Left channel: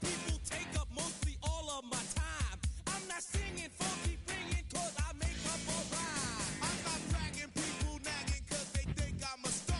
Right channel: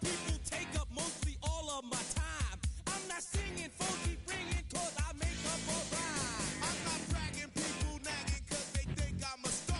people take up mostly all of my time. I'm not singing, phone keep ringing, cause I make up a rhyme. I'm not bragging, people nagging, cause they think I'm a star.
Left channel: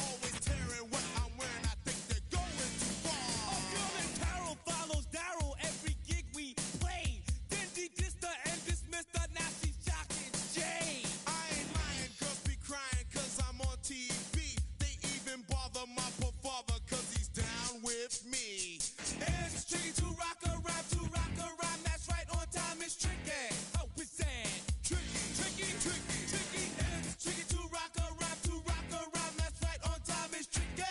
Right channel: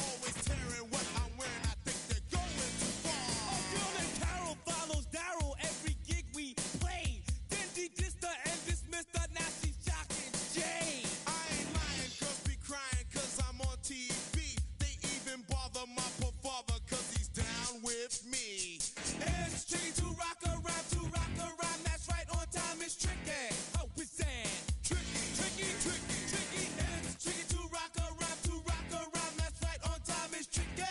Always tearing what I'm wearing, I think they're going too far. A girl named Carol follows Daryl every gig we play. Then dissed her and dismissed her, now she's jocking Jay. I ain't lying, girls be crying, cause I'm on TV. They even bother my poor father, cause he's down with me. It's tricky to rock a rhyme, that's right, on time is tricky. How is that? Tricky. Tricky. It's tricky to rock a rhyme, that's right, on time is tricky.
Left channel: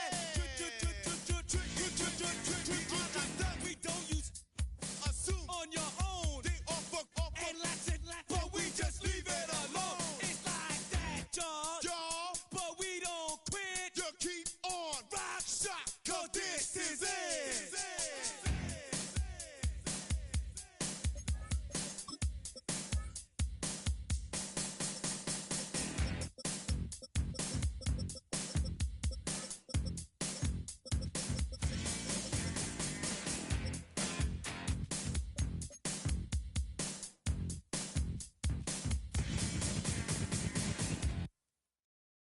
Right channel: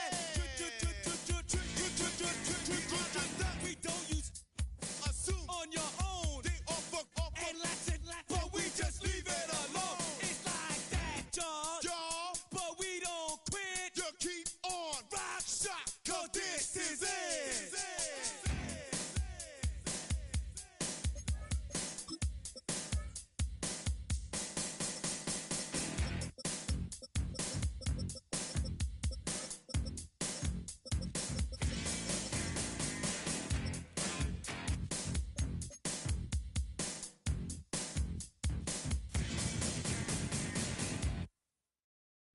We don't use Assume on your own. they offer, And let's it, but we just leave it alone. It's like that, y'all. y'all, But we don't quit. you keep on. Rock shot, cause this is it.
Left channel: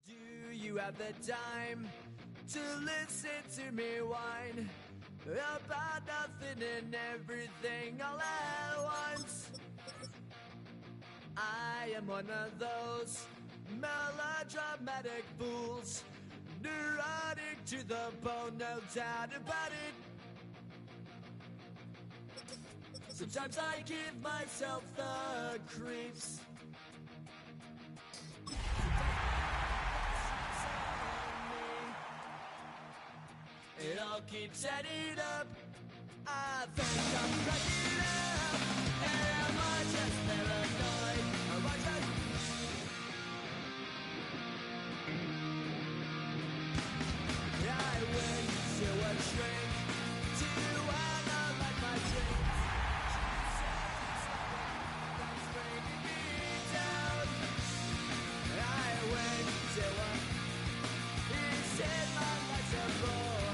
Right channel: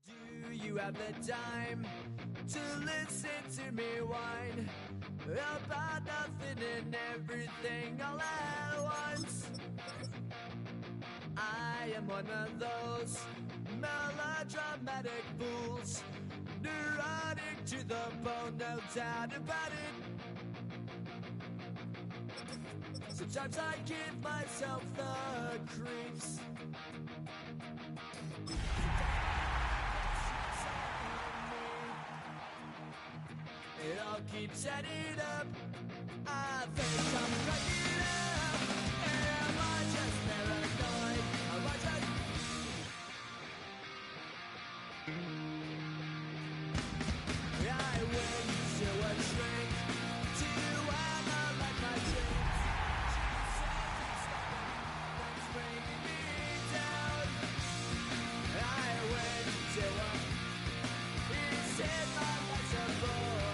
Do you have the time to listen to me whine about nothing and everything all at once? I am one of those melodramatic fools, neurotic to the bone, no doubt about it. Sometimes I give myself the creeps. It all keeps adding up. I think I'm cracking up. Am I just paranoid? Am I just... I went to a shrink to analyze my dreams. She said it's like that's bringing me down. I went to a... He said my life's a bore.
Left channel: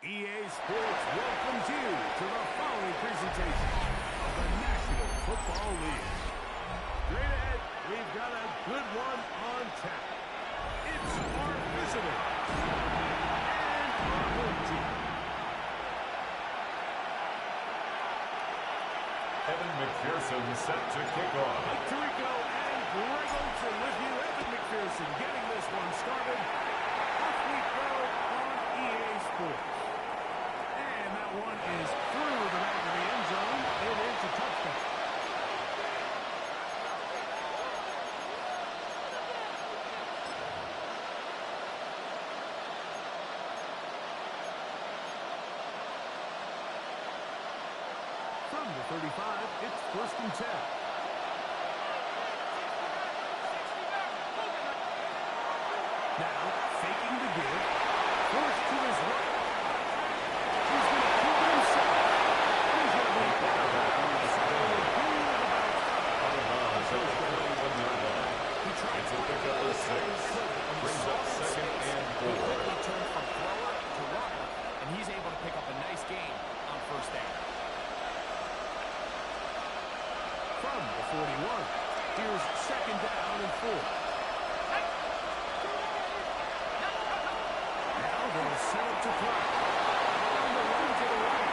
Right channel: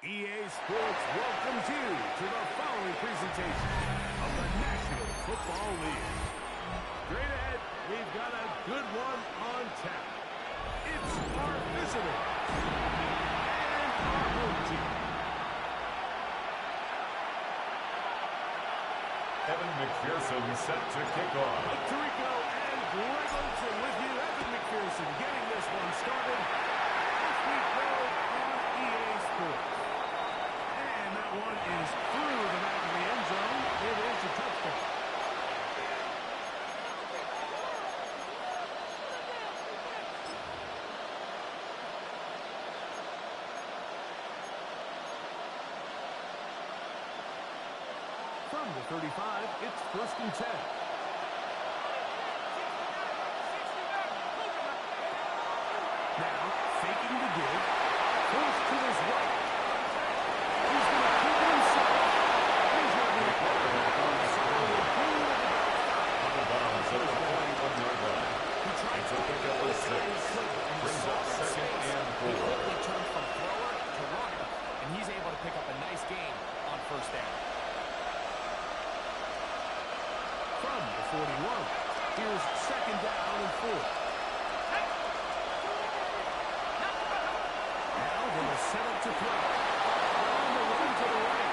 EA Sports welcomes you to the following presentation of the National Football League. Straight ahead, we've got a good one on tap. It's our visitors and our home team. Evan McPherson set to kick off. Mike Tirico and Greg Olsen with you. Evan McPherson getting this one started. Off we go on EA Sports. And that one is through the back of the end zone. It is a touchdown. From the 35, it's 1st and 10. Now, faking the give. Forced to his right. He's going to keep it himself. And he's going to be Quarterback on the sideline. out of bounds at the 41-yard line. It's a pickup of 6. Brings up 2nd and 4. He quickly turns from thrower to runner, and he's able to pick up a nice gain on 1st down. From the 41, here's 2nd down and 4. Now they'll set up to throw. On the run to the right.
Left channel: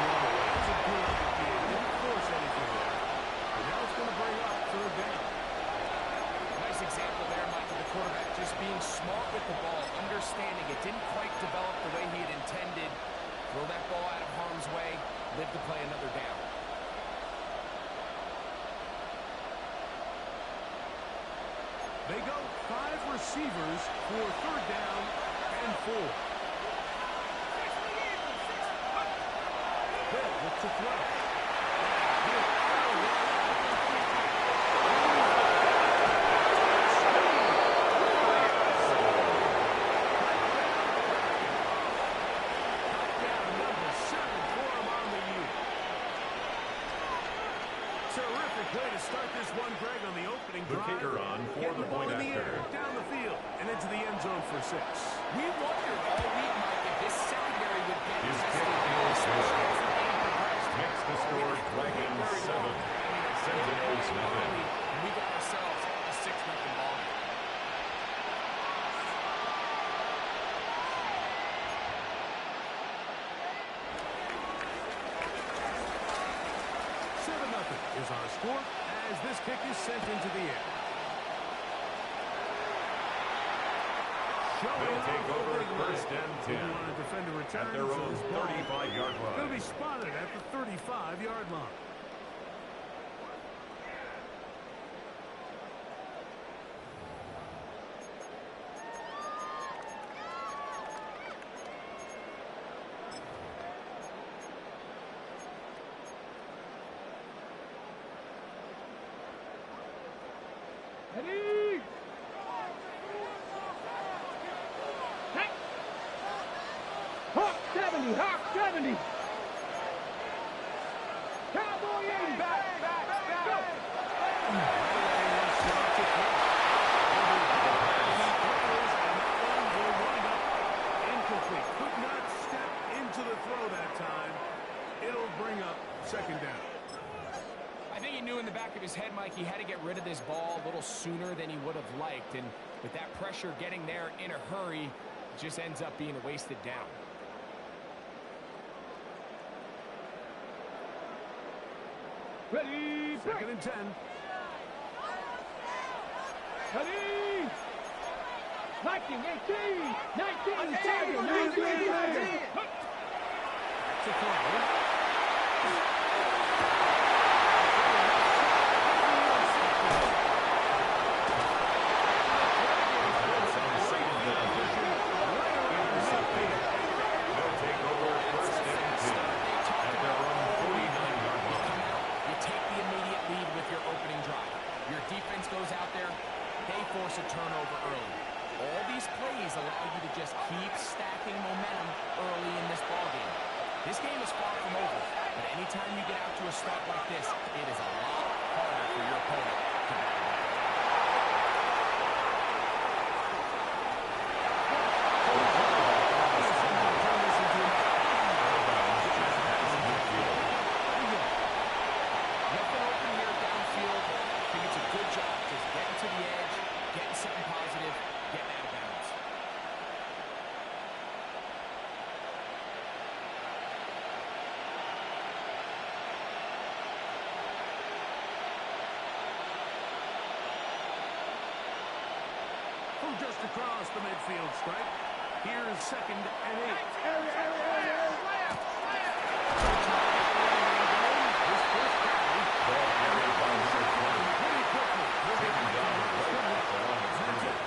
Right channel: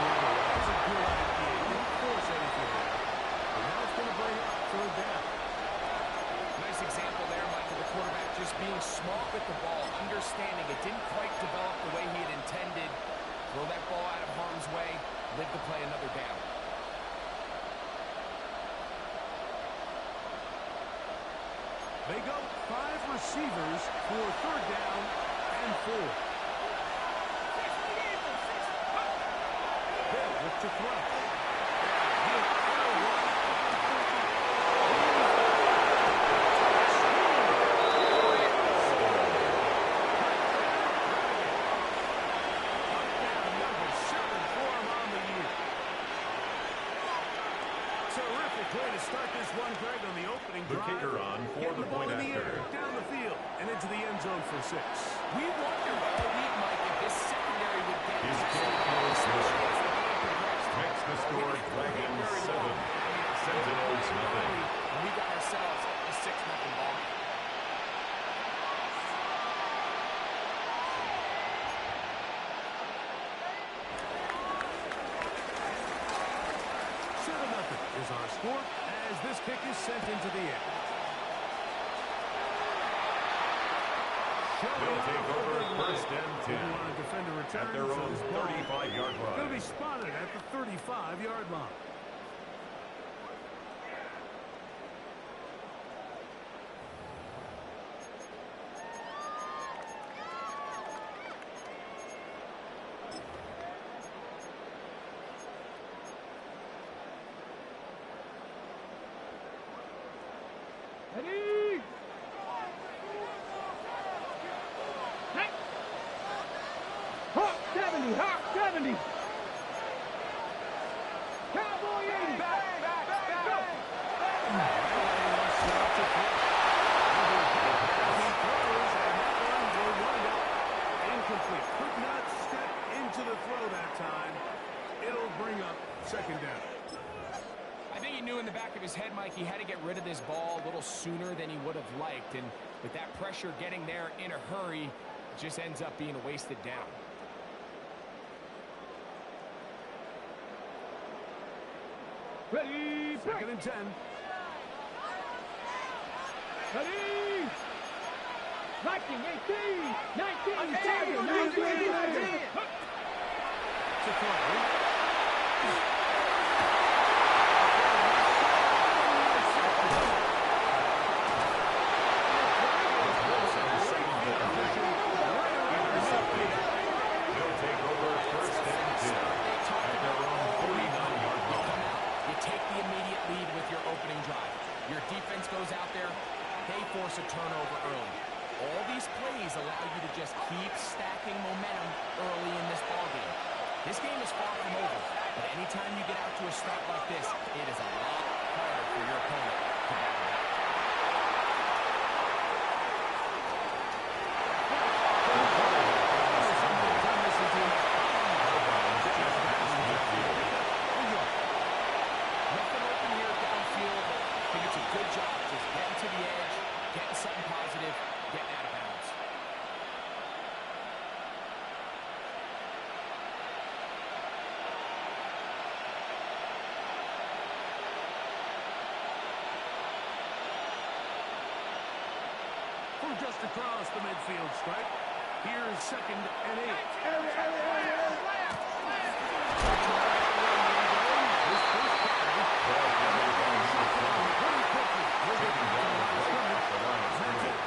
That was a good idea. Didn't force anything there. But now it's going to bring up 3rd down. Nice example there, Mike, of the quarterback just being smart with the ball, understanding it didn't quite develop the way he had intended. Throw that ball out of harm's way, live to play another down. They go 5 receivers for 3rd down and 4. They'll look to throw. Now he'll throw one. Touchdown number 7 for him on the year. Terrific play to start this one, Greg, on the opening drive. The kicker on for Getting the the ball point in the after. air, down the field, and into the end zone for 6. We wondered all week, Mike, if this secondary would get His tested, kick is especially good. as the game progressed. Makes the Well, we score didn't wait Dragons very 7. long. I mean, a big Sentinels play nothing. early, and we got ourselves a 6-0 ball game. Is our score as this kick is sent into the air. They'll take over first and 10 Didn't want to defend a return, at their so own this ball 35-yard going to line. be spotted at the 35-yard line. Ready? Hawk 70, Hawk 70. Cowboy 80. Back. Go. Right away, he'll set up to throw. He throws, and that one will wind up incomplete. Could not step into the throw that time. It'll bring up second down. I think he knew in the back of his head, Mike, he had to get rid of this ball a little sooner than he would have liked. And with that pressure getting there in a hurry, it just ends up being a wasted down. Ready? Second and 10. Ready? 19, 18, 19, 19, 19. To throw. Intercepted. They'll take over first and 10 at their own 49-yard You come line. out, you take the immediate lead with your opening drive. Your defense goes out there, they force a turnover early. All these plays allow you to just keep stacking momentum early in this ballgame. This game is far from over, but anytime you get out to a start like this, it is a lot harder for your opponent to battle back. Nothing open here downfield. I think it's a good job just getting to the edge, getting something positive, getting out of bounds. From just across the midfield stripe, here's second and 8. His first carry. Ball carried by number 20. Pretty quickly. Taken down right at the line of scrimmage.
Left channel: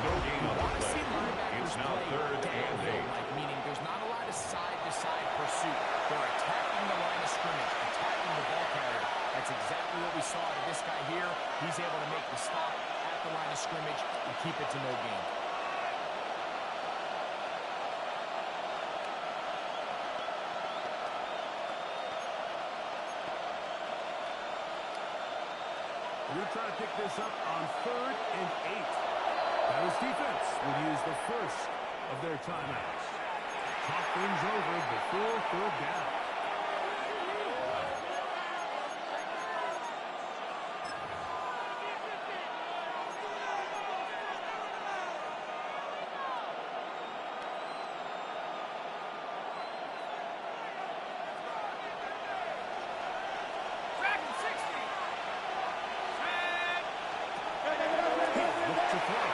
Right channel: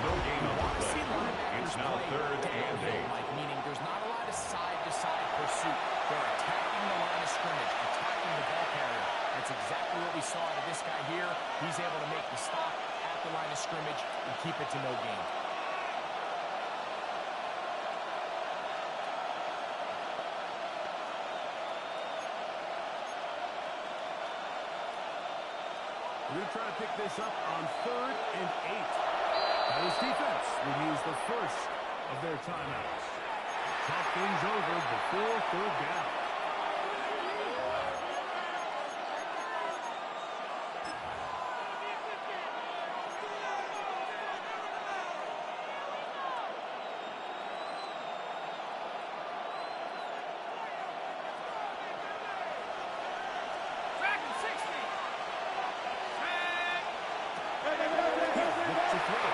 No gain on the Want to see play. linebackers It's now play third and downhill, 8. Mike, meaning there's not a lot of side-to-side pursuit. They're attacking the line of scrimmage, attacking the ball carrier. That's exactly what we saw out of this guy here. He's able to make the stop at the line of scrimmage and keep it to no gain. We're going to try to pick this up on third and 8. Now this defense would use the first of their timeouts. Talk things over before third down. Look to throw.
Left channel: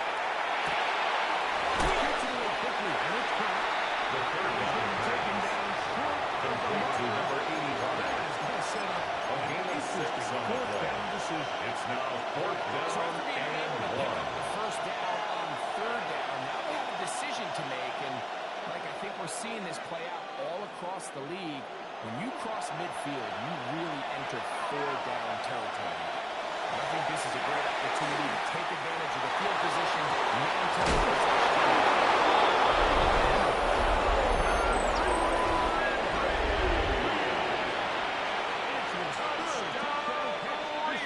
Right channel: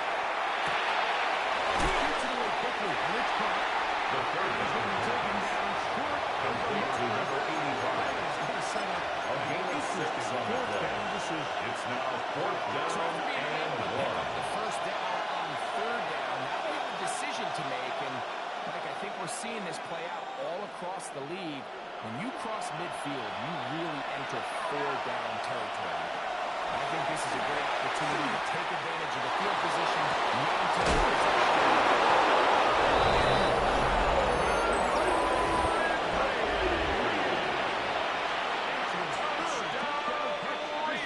Gets it away quickly, and it's caught. The third It's down going to be taken pass. down short of the Complete to marker. number 85. That is going to set up A gain an of 6 interesting on the fourth play. down decision. It's now fourth down So after being and able to pick up 1. the first down on third down, now they have a decision to make. And, Mike, I think we're seeing this play out all across the league. When you cross midfield, you really enter four-down territory. And I think this is a great opportunity to take advantage of the field position, maintain possession. It's his third touchdown catch this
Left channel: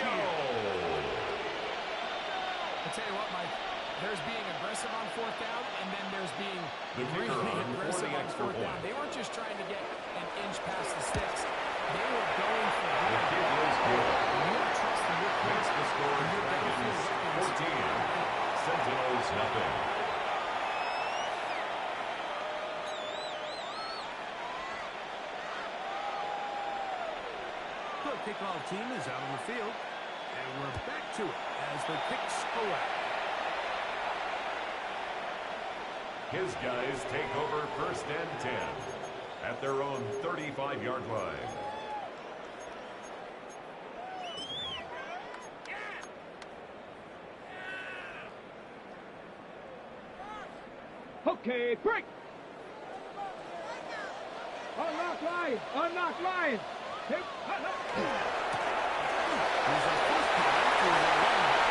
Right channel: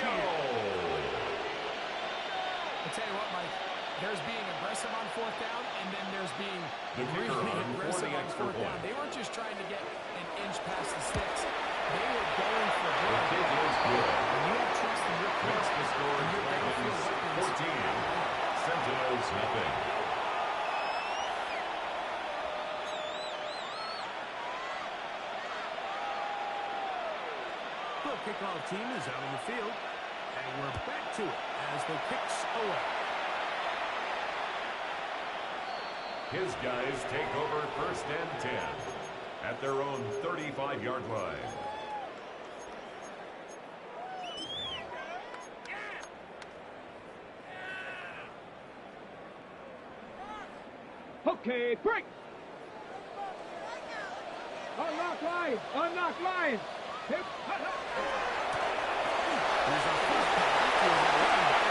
aggressive on fourth down, and then there's being The kicker really on for aggressive the on extra fourth down. point. They weren't just trying to get an inch past the sticks. They were going for The broad. kick is good. When you have trust in your Makes quarterback, the score and your downfield Dragons weapons. 14. Sentinels nothing. The kickoff team is out on the field, and we're back to it as the kicks away. His guys take over 1st and 10 at their own 35-yard line. Okay, break. Unlock line. Unlock line. Hip. Here's our first pass to the running back.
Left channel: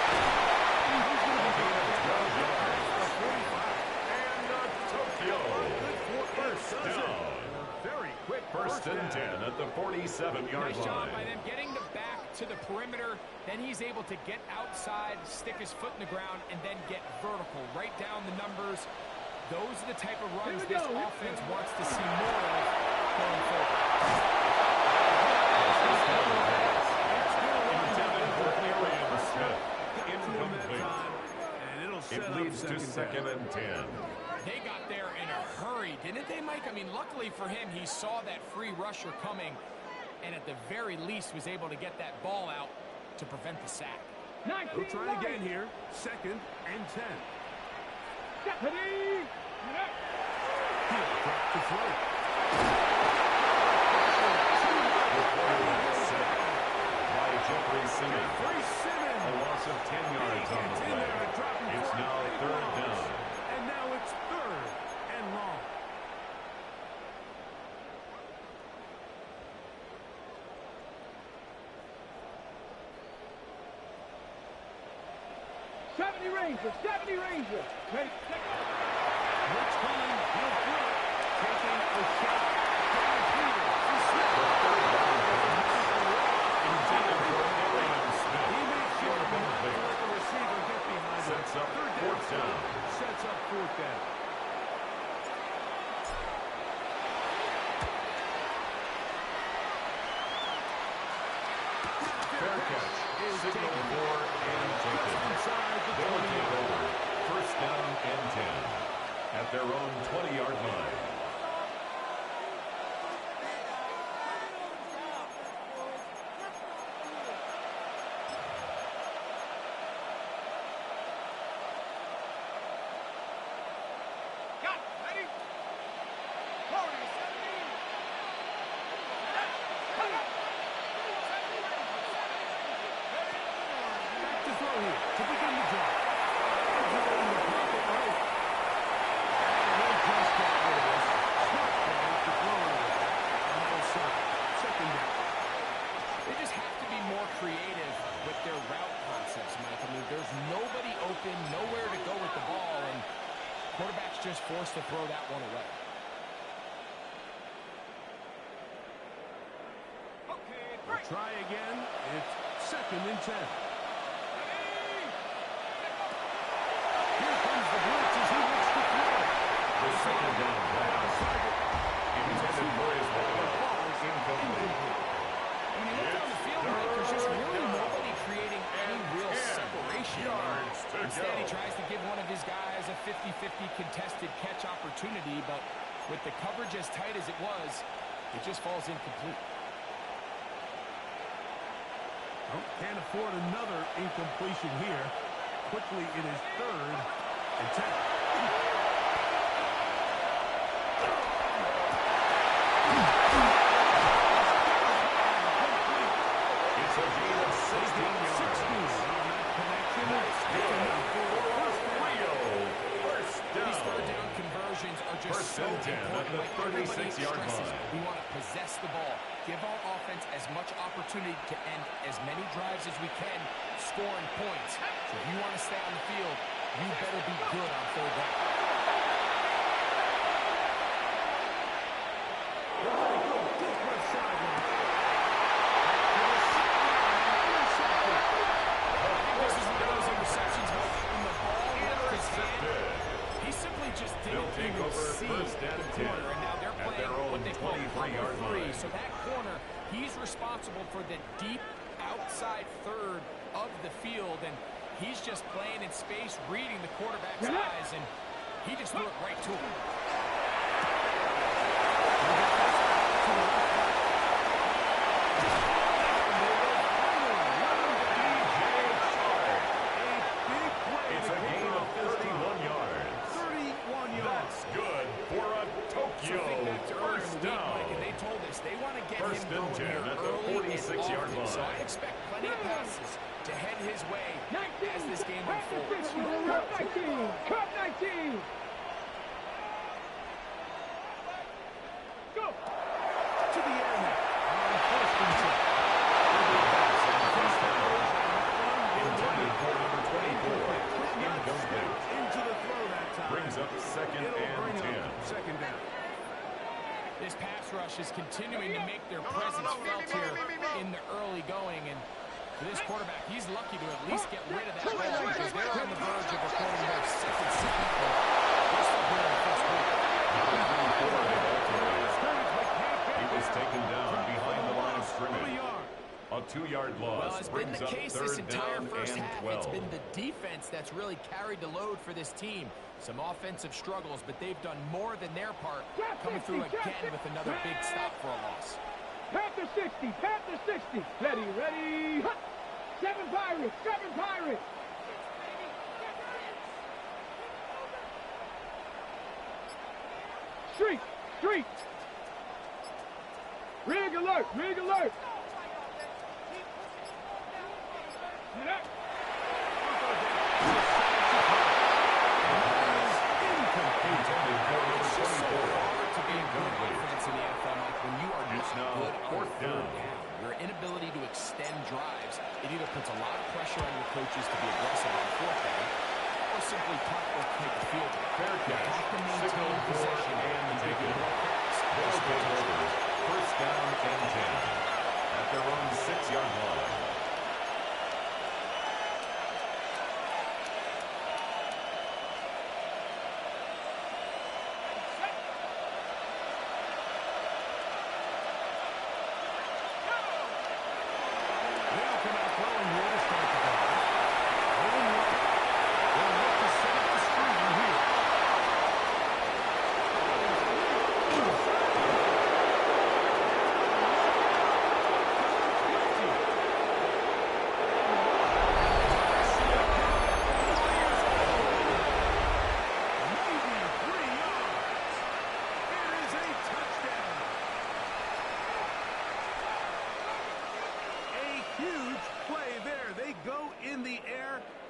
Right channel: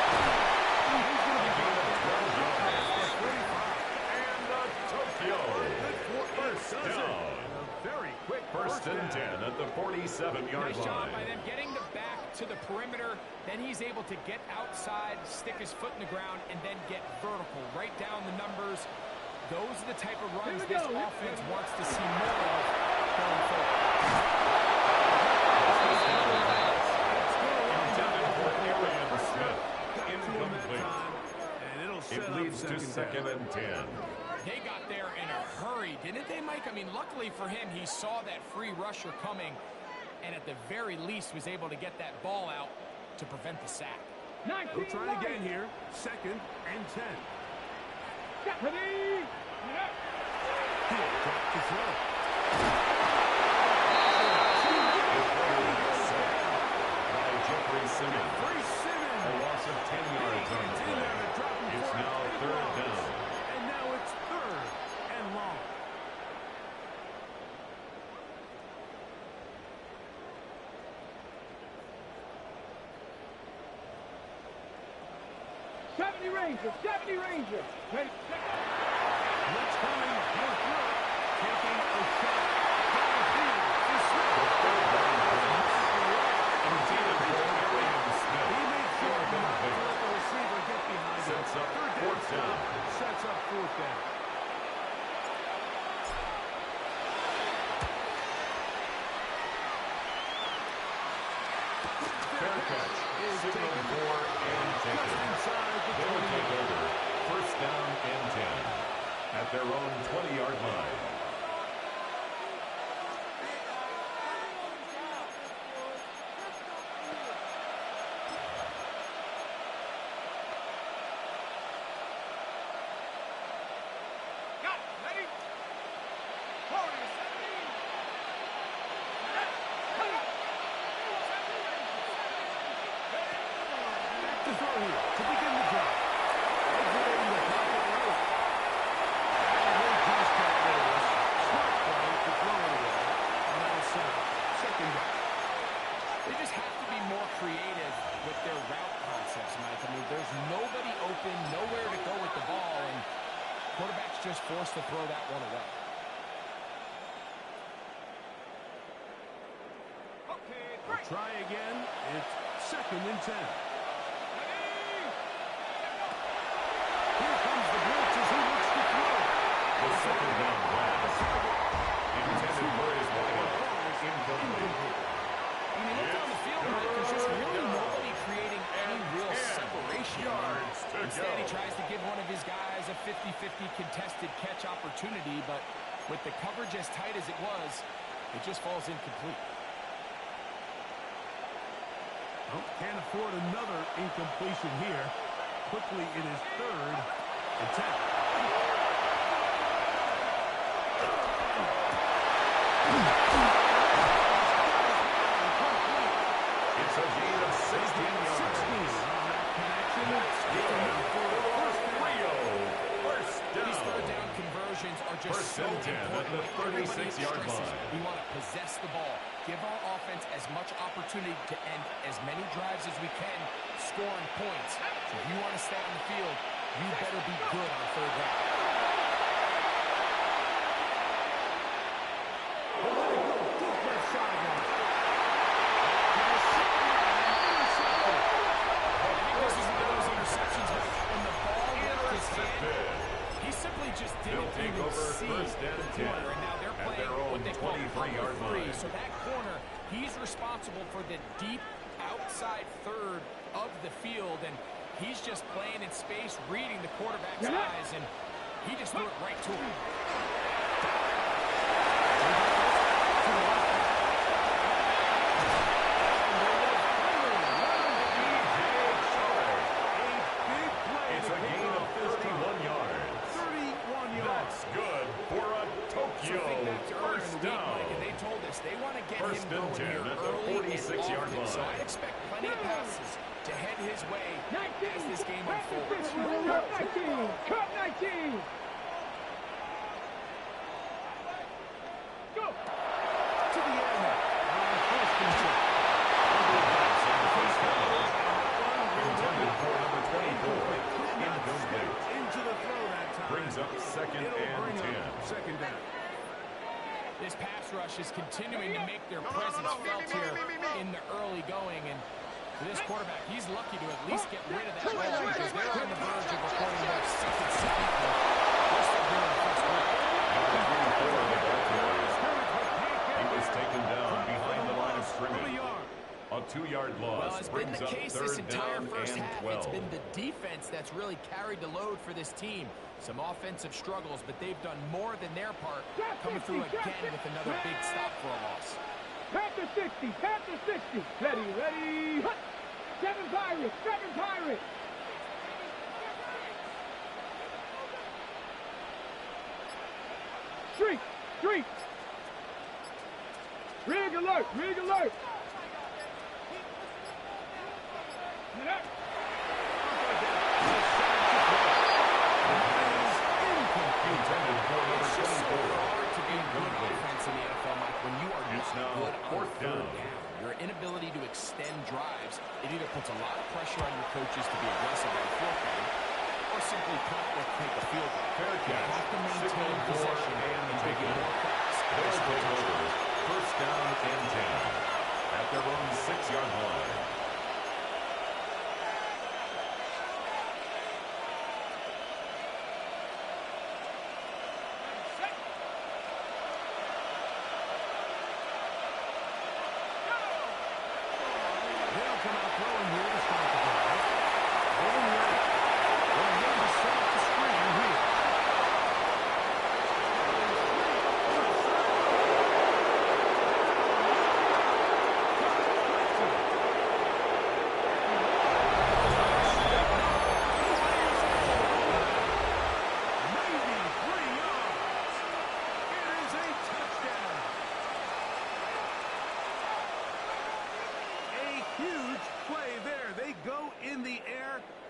He's going to be Gain of 12 yards. for 35. And a Tokyo. First down. And a very quick First and down. 10 at the 47-yard Nice job line. by them getting the back to the perimeter. Then he's able to get outside, stick his foot in the ground, and then get vertical. Right down the numbers. Those are the type of runs this offense wants to see more of going forward. Intended for Arian Smith. Incomplete. And it'll set It leads up to second down. and 10. They got there in a hurry, didn't they, Mike? I mean, luckily for him, he saw that free rusher coming, and at the very least was able to get that ball out to prevent the sack. We'll try again here. Second and 10. Stephanie. He'll drop to throw. The quarterback sack by Jeffrey Simmons. Jeffrey Simmons. A loss of 10 yards on the play. It's now 3rd down. And now it's 3rd and long. Ranger. 70 Ranger. Ready. Blitz coming. He'll throw it. Taking a shot downfield for Smith. The 3rd down pass. Intended for Arian Smith. He made sure not to Incomplete. let the receiver get behind him. Sets up 3rd 4th down. Sets up 4th down. Fair catch. Signal for and Just taken. inside the They'll 20. take over 1st down and 10 at their own 20-yard line. Got it. Ready. Forward. 70. Back to throw here to begin the drive. Exiting the pocket right. And he'll just get rid of this. Smart play to throw it away. And that'll set up 2nd down. They just have to be more creative with their route concepts, Mike. I mean, there's nobody open, nowhere to go with the ball, and quarterback's just forced to throw that one away. Okay. We'll try again. It's 2nd and 10. Here comes the blitz as he looks to throw. The 2nd down pass. Intended for his wideout. Incomplete. When you look down the field, Mike, there's just really nobody creating any real separation. yards to Instead, go. he tries to give one of his guys a 50-50 contested catch opportunity, but with the coverage as tight as it was, it just falls incomplete. Oh, can't afford another incompletion here. Quickly, it is 3rd and 10. It's a gain of 16 yards. 16 on that connection. That's good for Rio. First These down. 3rd down conversions are just First so and 10 at important. the Like everybody 36-yard stresses, line. we want to possess the ball, give our offense as much opportunity to end as many drives as we can, scoring points. So if you want to stay on the field, you better be good on 3rd down. They'll let it go deep left sideline. To the sideline, intercepted. I think this is one of those interceptions, Mike, when the ball went used his hand. He simply just didn't even see the corner, and now they're playing what they call cover three. So that corner, he's responsible for the deep outside third of the field, and he's just playing in space, reading the quarterback's eyes, and he just threw it right to him. It's a gain of 31 yards. 31 yards. That's good for a Tokyo first down. And they told us they want to get First him going here at the early and 46-yard often. line. So I expect plenty of passes to head his way as this game unfolds. Cup 19. Go. To the air now. On first and 10. Intended for number 24. Incomplete. Into the throw that time. Brings up second and 10. Second down. This pass rush is continuing to make their presence felt here in the early going, and for this quarterback, he's lucky to at least get rid of that ball because they're on the verge of recording their second sack. We're still here in the first quarter. Number 3 for the ball carrier. He was taken down behind the line of scrimmage. A 2-yard loss. Well, it's been the case this entire first half. 12. It's been the defense that's really carried the load for this team. Some offensive struggles, but they've done more than their part, coming through again with another big stop for a loss. Panther 60, Panther 60. Ready, hut. 7 Pirates, 7 Pirates. Street. Rig alert. Intended for number 24. It's so hard to be a good offense in the NFL, Mike, when you are not good on third down. Your inability to extend drives, it either puts a lot of pressure on your coaches to be aggressive on fourth down, or simply punt or take a field goal. Fair You catch. have to maintain possession and give taken. more cracks. They'll take over. First down and 10. At their own 6-yard line. They'll come out throwing here to start the drive. Rolling right. They'll look to set up the screen here.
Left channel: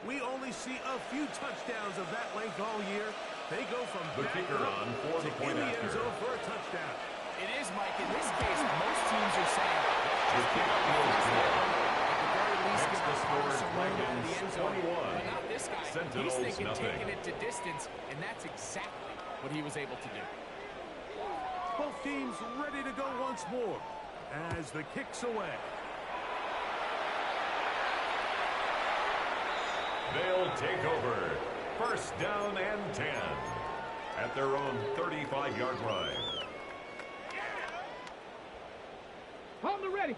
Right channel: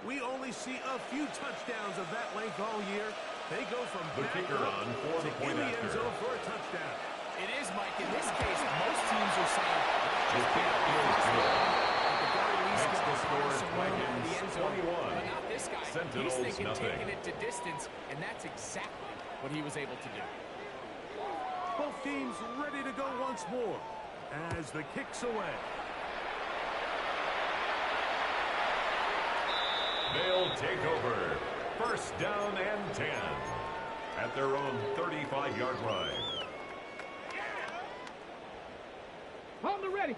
We only see a few touchdowns of that length all year. They go from the kicker on for the point in the end after. zone for a touchdown. It is, Mike. In this case, most teams are saying, let's The just kick pick up the is first good. down. At the very least, Next give to the score punter is some room out of the end zone. 21. But not this guy. Sentinels, He's thinking nothing. taking it to distance, and that's exactly what he was able to do. Both teams ready to go once more as the kick's away. They'll take over. First down and 10. At their own 35-yard line. On the ready.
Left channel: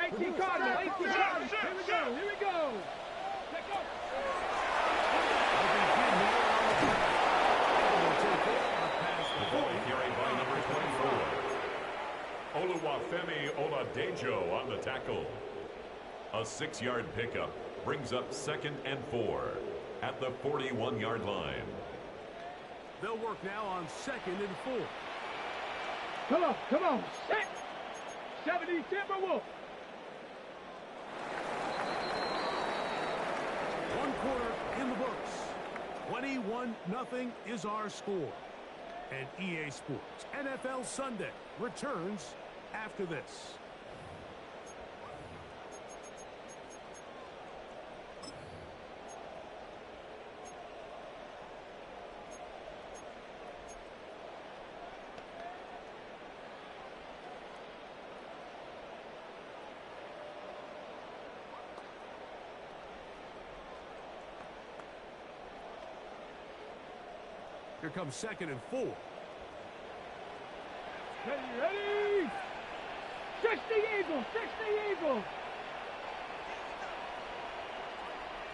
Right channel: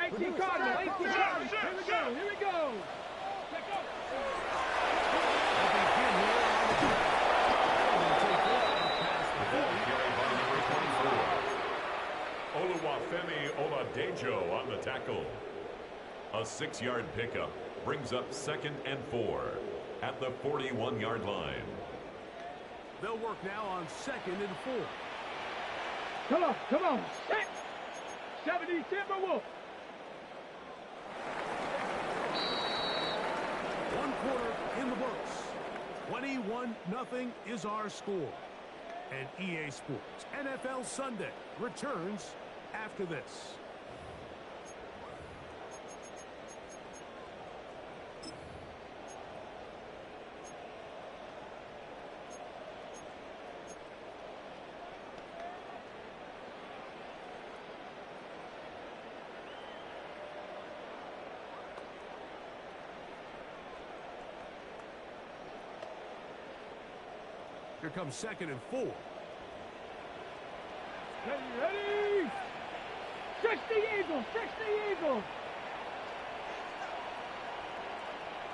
18 Cardinals. Here we go. Let go. They'll begin here on the ground. And they'll take it up past The the ball 40. carried by number 24. Oluwafemi Oladejo on the tackle. A 6-yard pickup brings up second and 4 at the 41-yard line. They'll work now on 2nd and 4. Come on. Set. 70 Timberwolves. 1 quarter in the books. 21-0 is our score. And EA Sports NFL Sunday returns after this. Here comes 2nd and 4. Ready. 60 Eagles.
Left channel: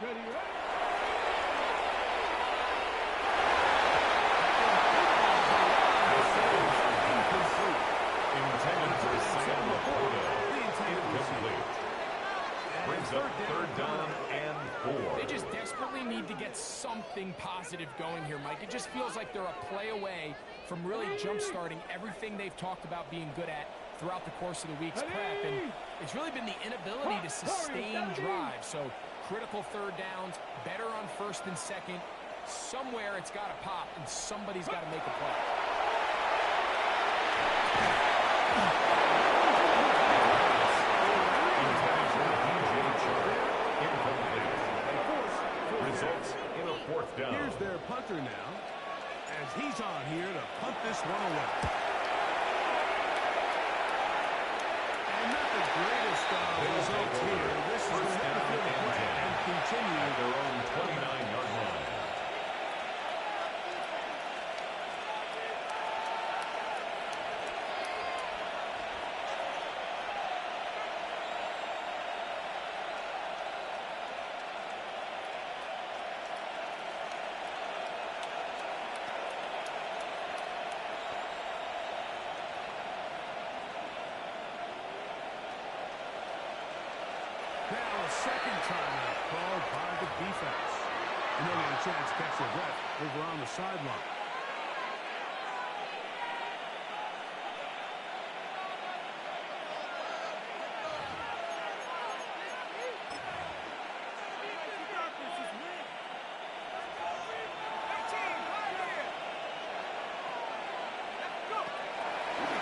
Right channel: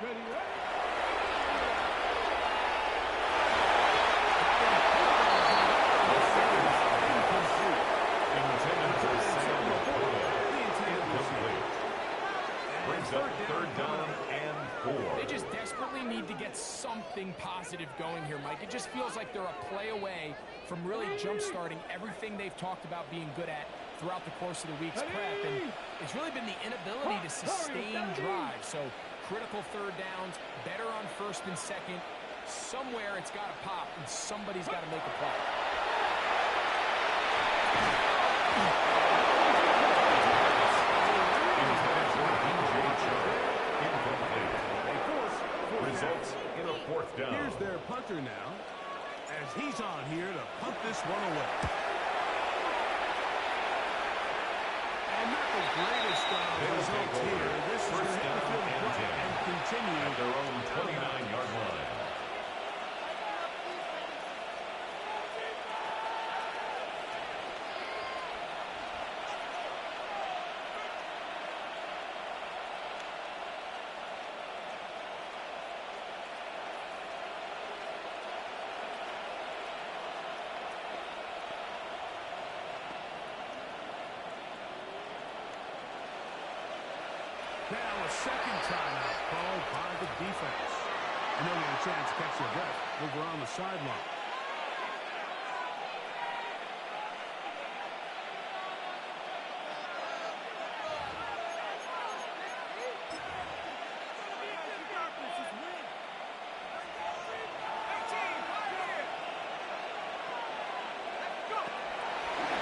Ready. Intended for Sam Laporta. Incomplete. Brings up 3rd down and 4. They just desperately need to get something positive going here, Mike. It just feels like they're a play away from really jump-starting everything they've talked about being good at throughout the course of the week's prep. And it's really been the inability to sustain drives. So critical 3rd downs, better on 1st and 2nd. Somewhere it's got to pop, and somebody's got to make a play. Incomplete. Results in a 4th down. Here's their punter now, as he's on here to punt this one away. And not the greatest results here. This is going to hit the field of play and continue at their own 29-yard line. Now a 2nd timeout called by the defense. And they'll get a chance to catch their breath over on the sideline.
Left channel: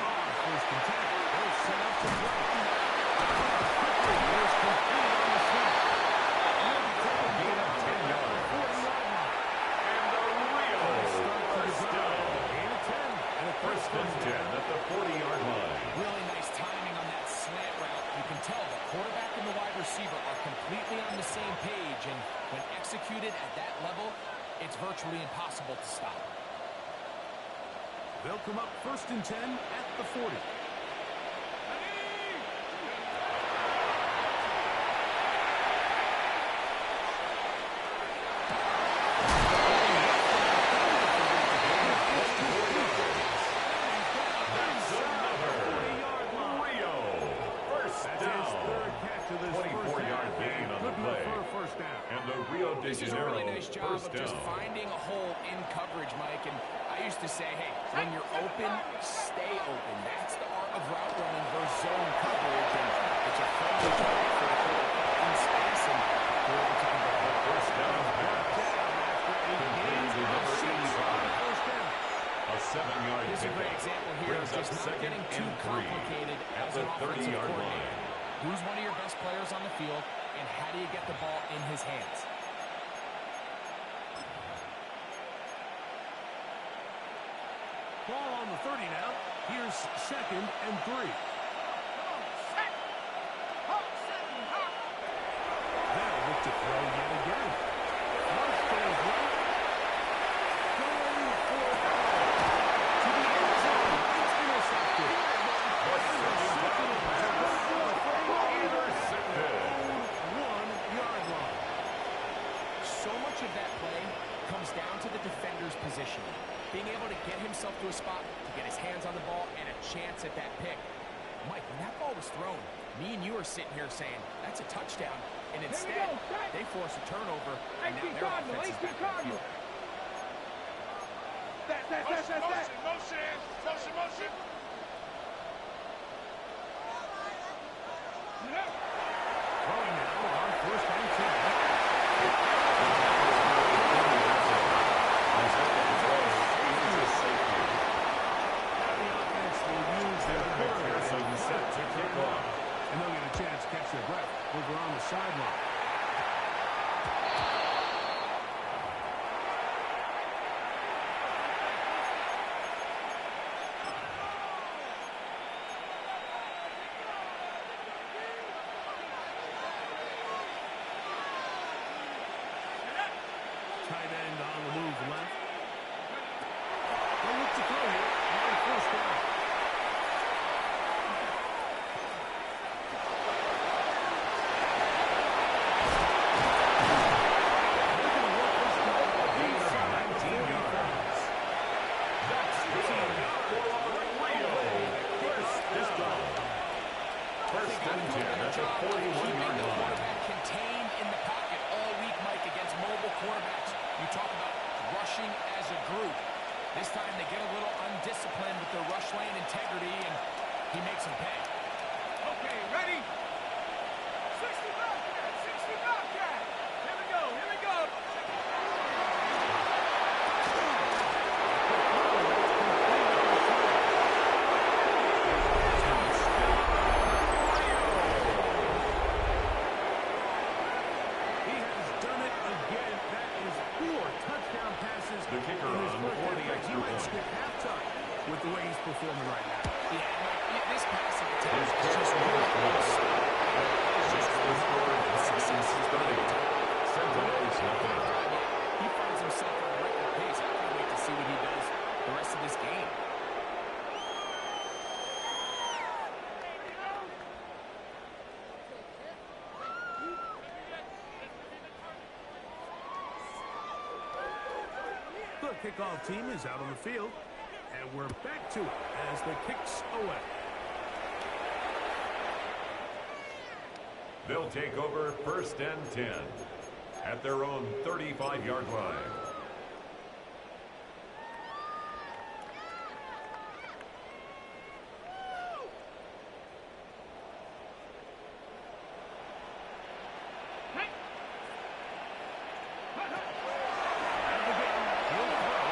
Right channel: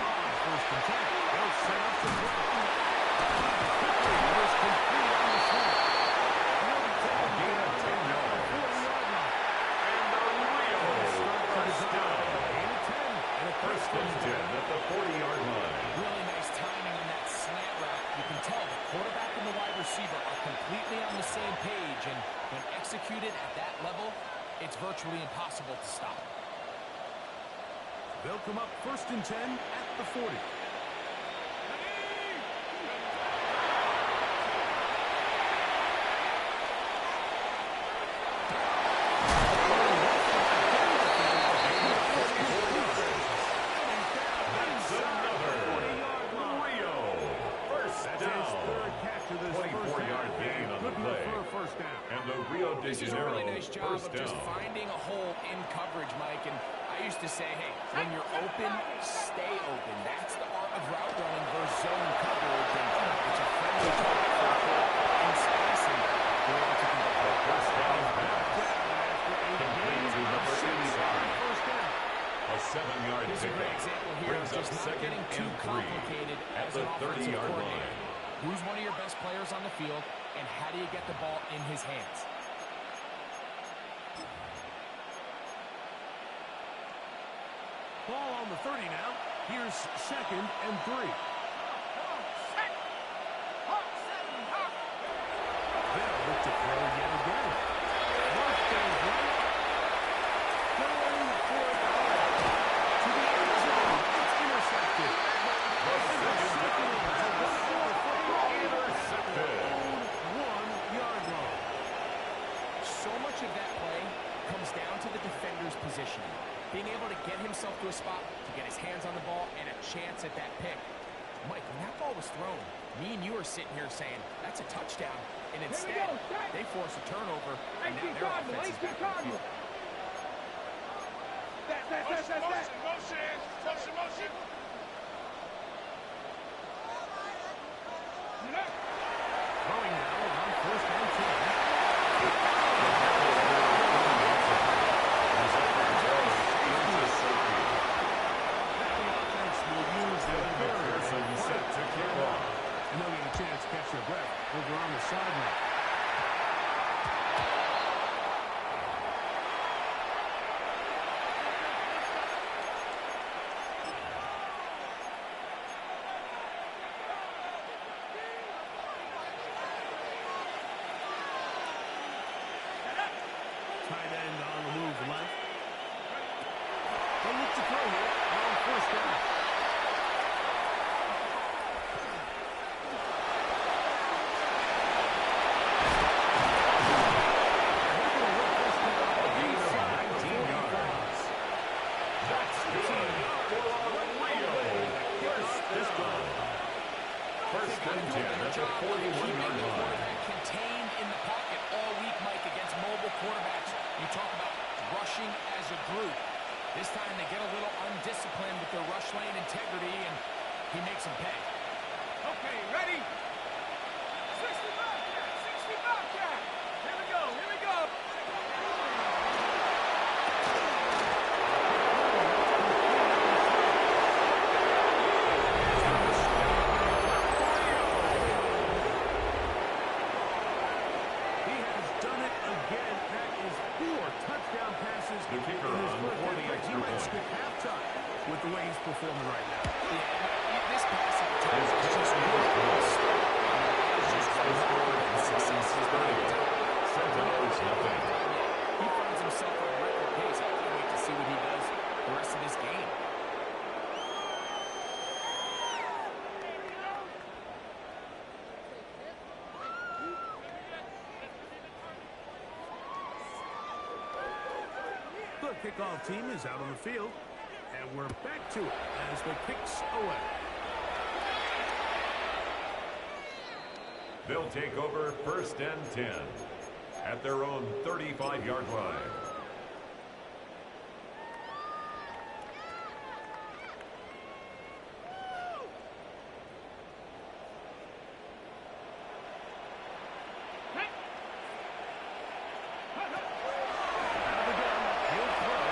On 1st and 10, they'll set up to throw. Quickly, it is complete on the snap. Gain of 10 yards. 40-yard line. And the Rio first down. Gain of 10. And a First and 10 at the 40-yard line. Really nice timing on that slant route. You can tell the quarterback and the wide receiver are completely on the same page, and when executed at that level, it's virtually impossible to stop. They'll come up 1st and 10 at the 40. And the Rio de This is a Janeiro really nice job first of just down. finding a hole in coverage, Mike. And I used to say, hey, when you're open, stay open. That's the art of route running versus zone coverage. And it's a friendly target for the quarterback in space, and they're able to convert. The first down pass. After 8 Complete gains to number 85. First down. A 7-yard This is a pickup. great example here of Brings up just not 2nd getting too and 3 complicated at as the an offensive 30-yard coordinator. line. Who's one of your best players on the field, and how do you get the ball in his hands? Ball on the 30 now. Here's 2nd and 3. They'll look to throw yet again. First and right. Going for it all. To the end zone. It's intercepted. The second down pass. Intercepted. 1-yard line. So much of that play comes down to the defender's positioning. Being able to get himself to a spot, to get his hands on the ball, and a chance at that pick. Mike, when that ball was thrown, me and you are sitting here saying, that's a touchdown. And instead, they force a turnover, and now their offense is back in the field. Motion. Throwing now on 1st and 10. Now the offense will use their McPherson set to kick off. and they'll get a chance to catch their breath over on the sideline. Tight end on the move left. They'll look to throw here on first down. They're going to work this one A gain of inside 19 yards. That's good for Rio. First down. First and 10 at the 41-yard the line. quarterback contained in the pocket all week, Mike, against mobile quarterbacks. You talk about rushing as a group. This time they get a little undisciplined with their rush lane integrity, and he makes them pay. Okay, ready? 60 Bobcat! 60 Bobcat! Here we go, here we go! He has done it again. That is 4 touchdown passes. The kicker in his on first for half. the He extra might point. skip halftime with the way he's performing right now. Yeah, Mike, this passing attack His is kick just is really good. It's just The score success is 30. Sentinels nothing. He finds himself on record pace. I can't wait to see what he does the rest of this game. The kickoff team is out on the field, and we're back to it as the kick's away. They'll take over first and 10 at their own 35-yard line. Out of the gun, he'll throw.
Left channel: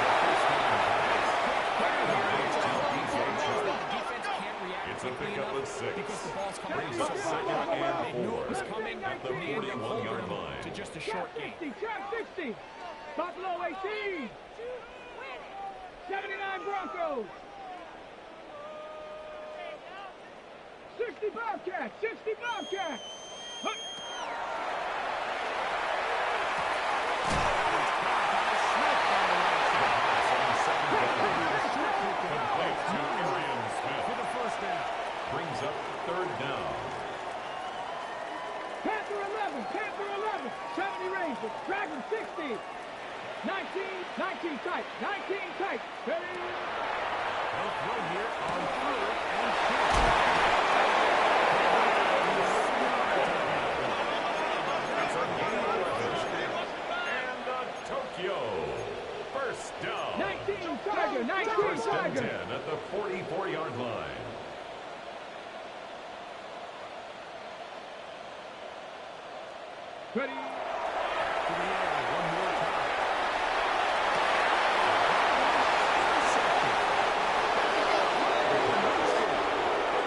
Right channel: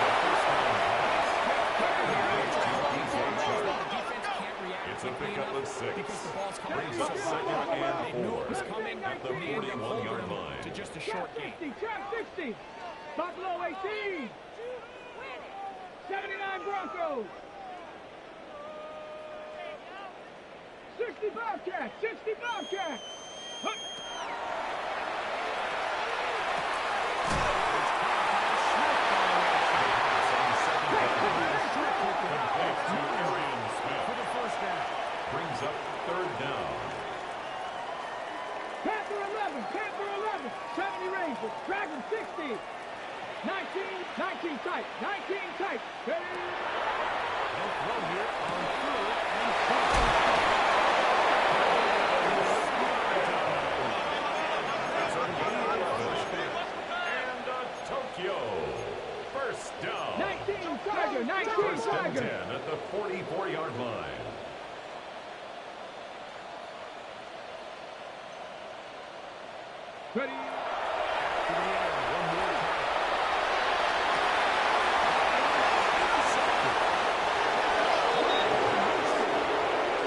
The first down pass. It's a pickup of 6. Because the ball's coming Brings so up far. second and They knew it was 4 coming at the and they ended up 41-yard holding line. to just a short Track game. 60, track 60! Buffalo 18! 79 Broncos! 60 Bobcats! 60 Bobcats! Huh. The pass on second down. Complete to Arian Smith. For the first down. Brings up third down. Panther 11! Panther 11! 70 Rangers! Dragon 60! 19 tight! 19 tight! Ready? They'll throw here on third and short. That's a gain of 11. And a Tokyo. First down. 19 Tiger! 19 First and 10 Tiger! at the 44-yard line. Ready? To the air one more time.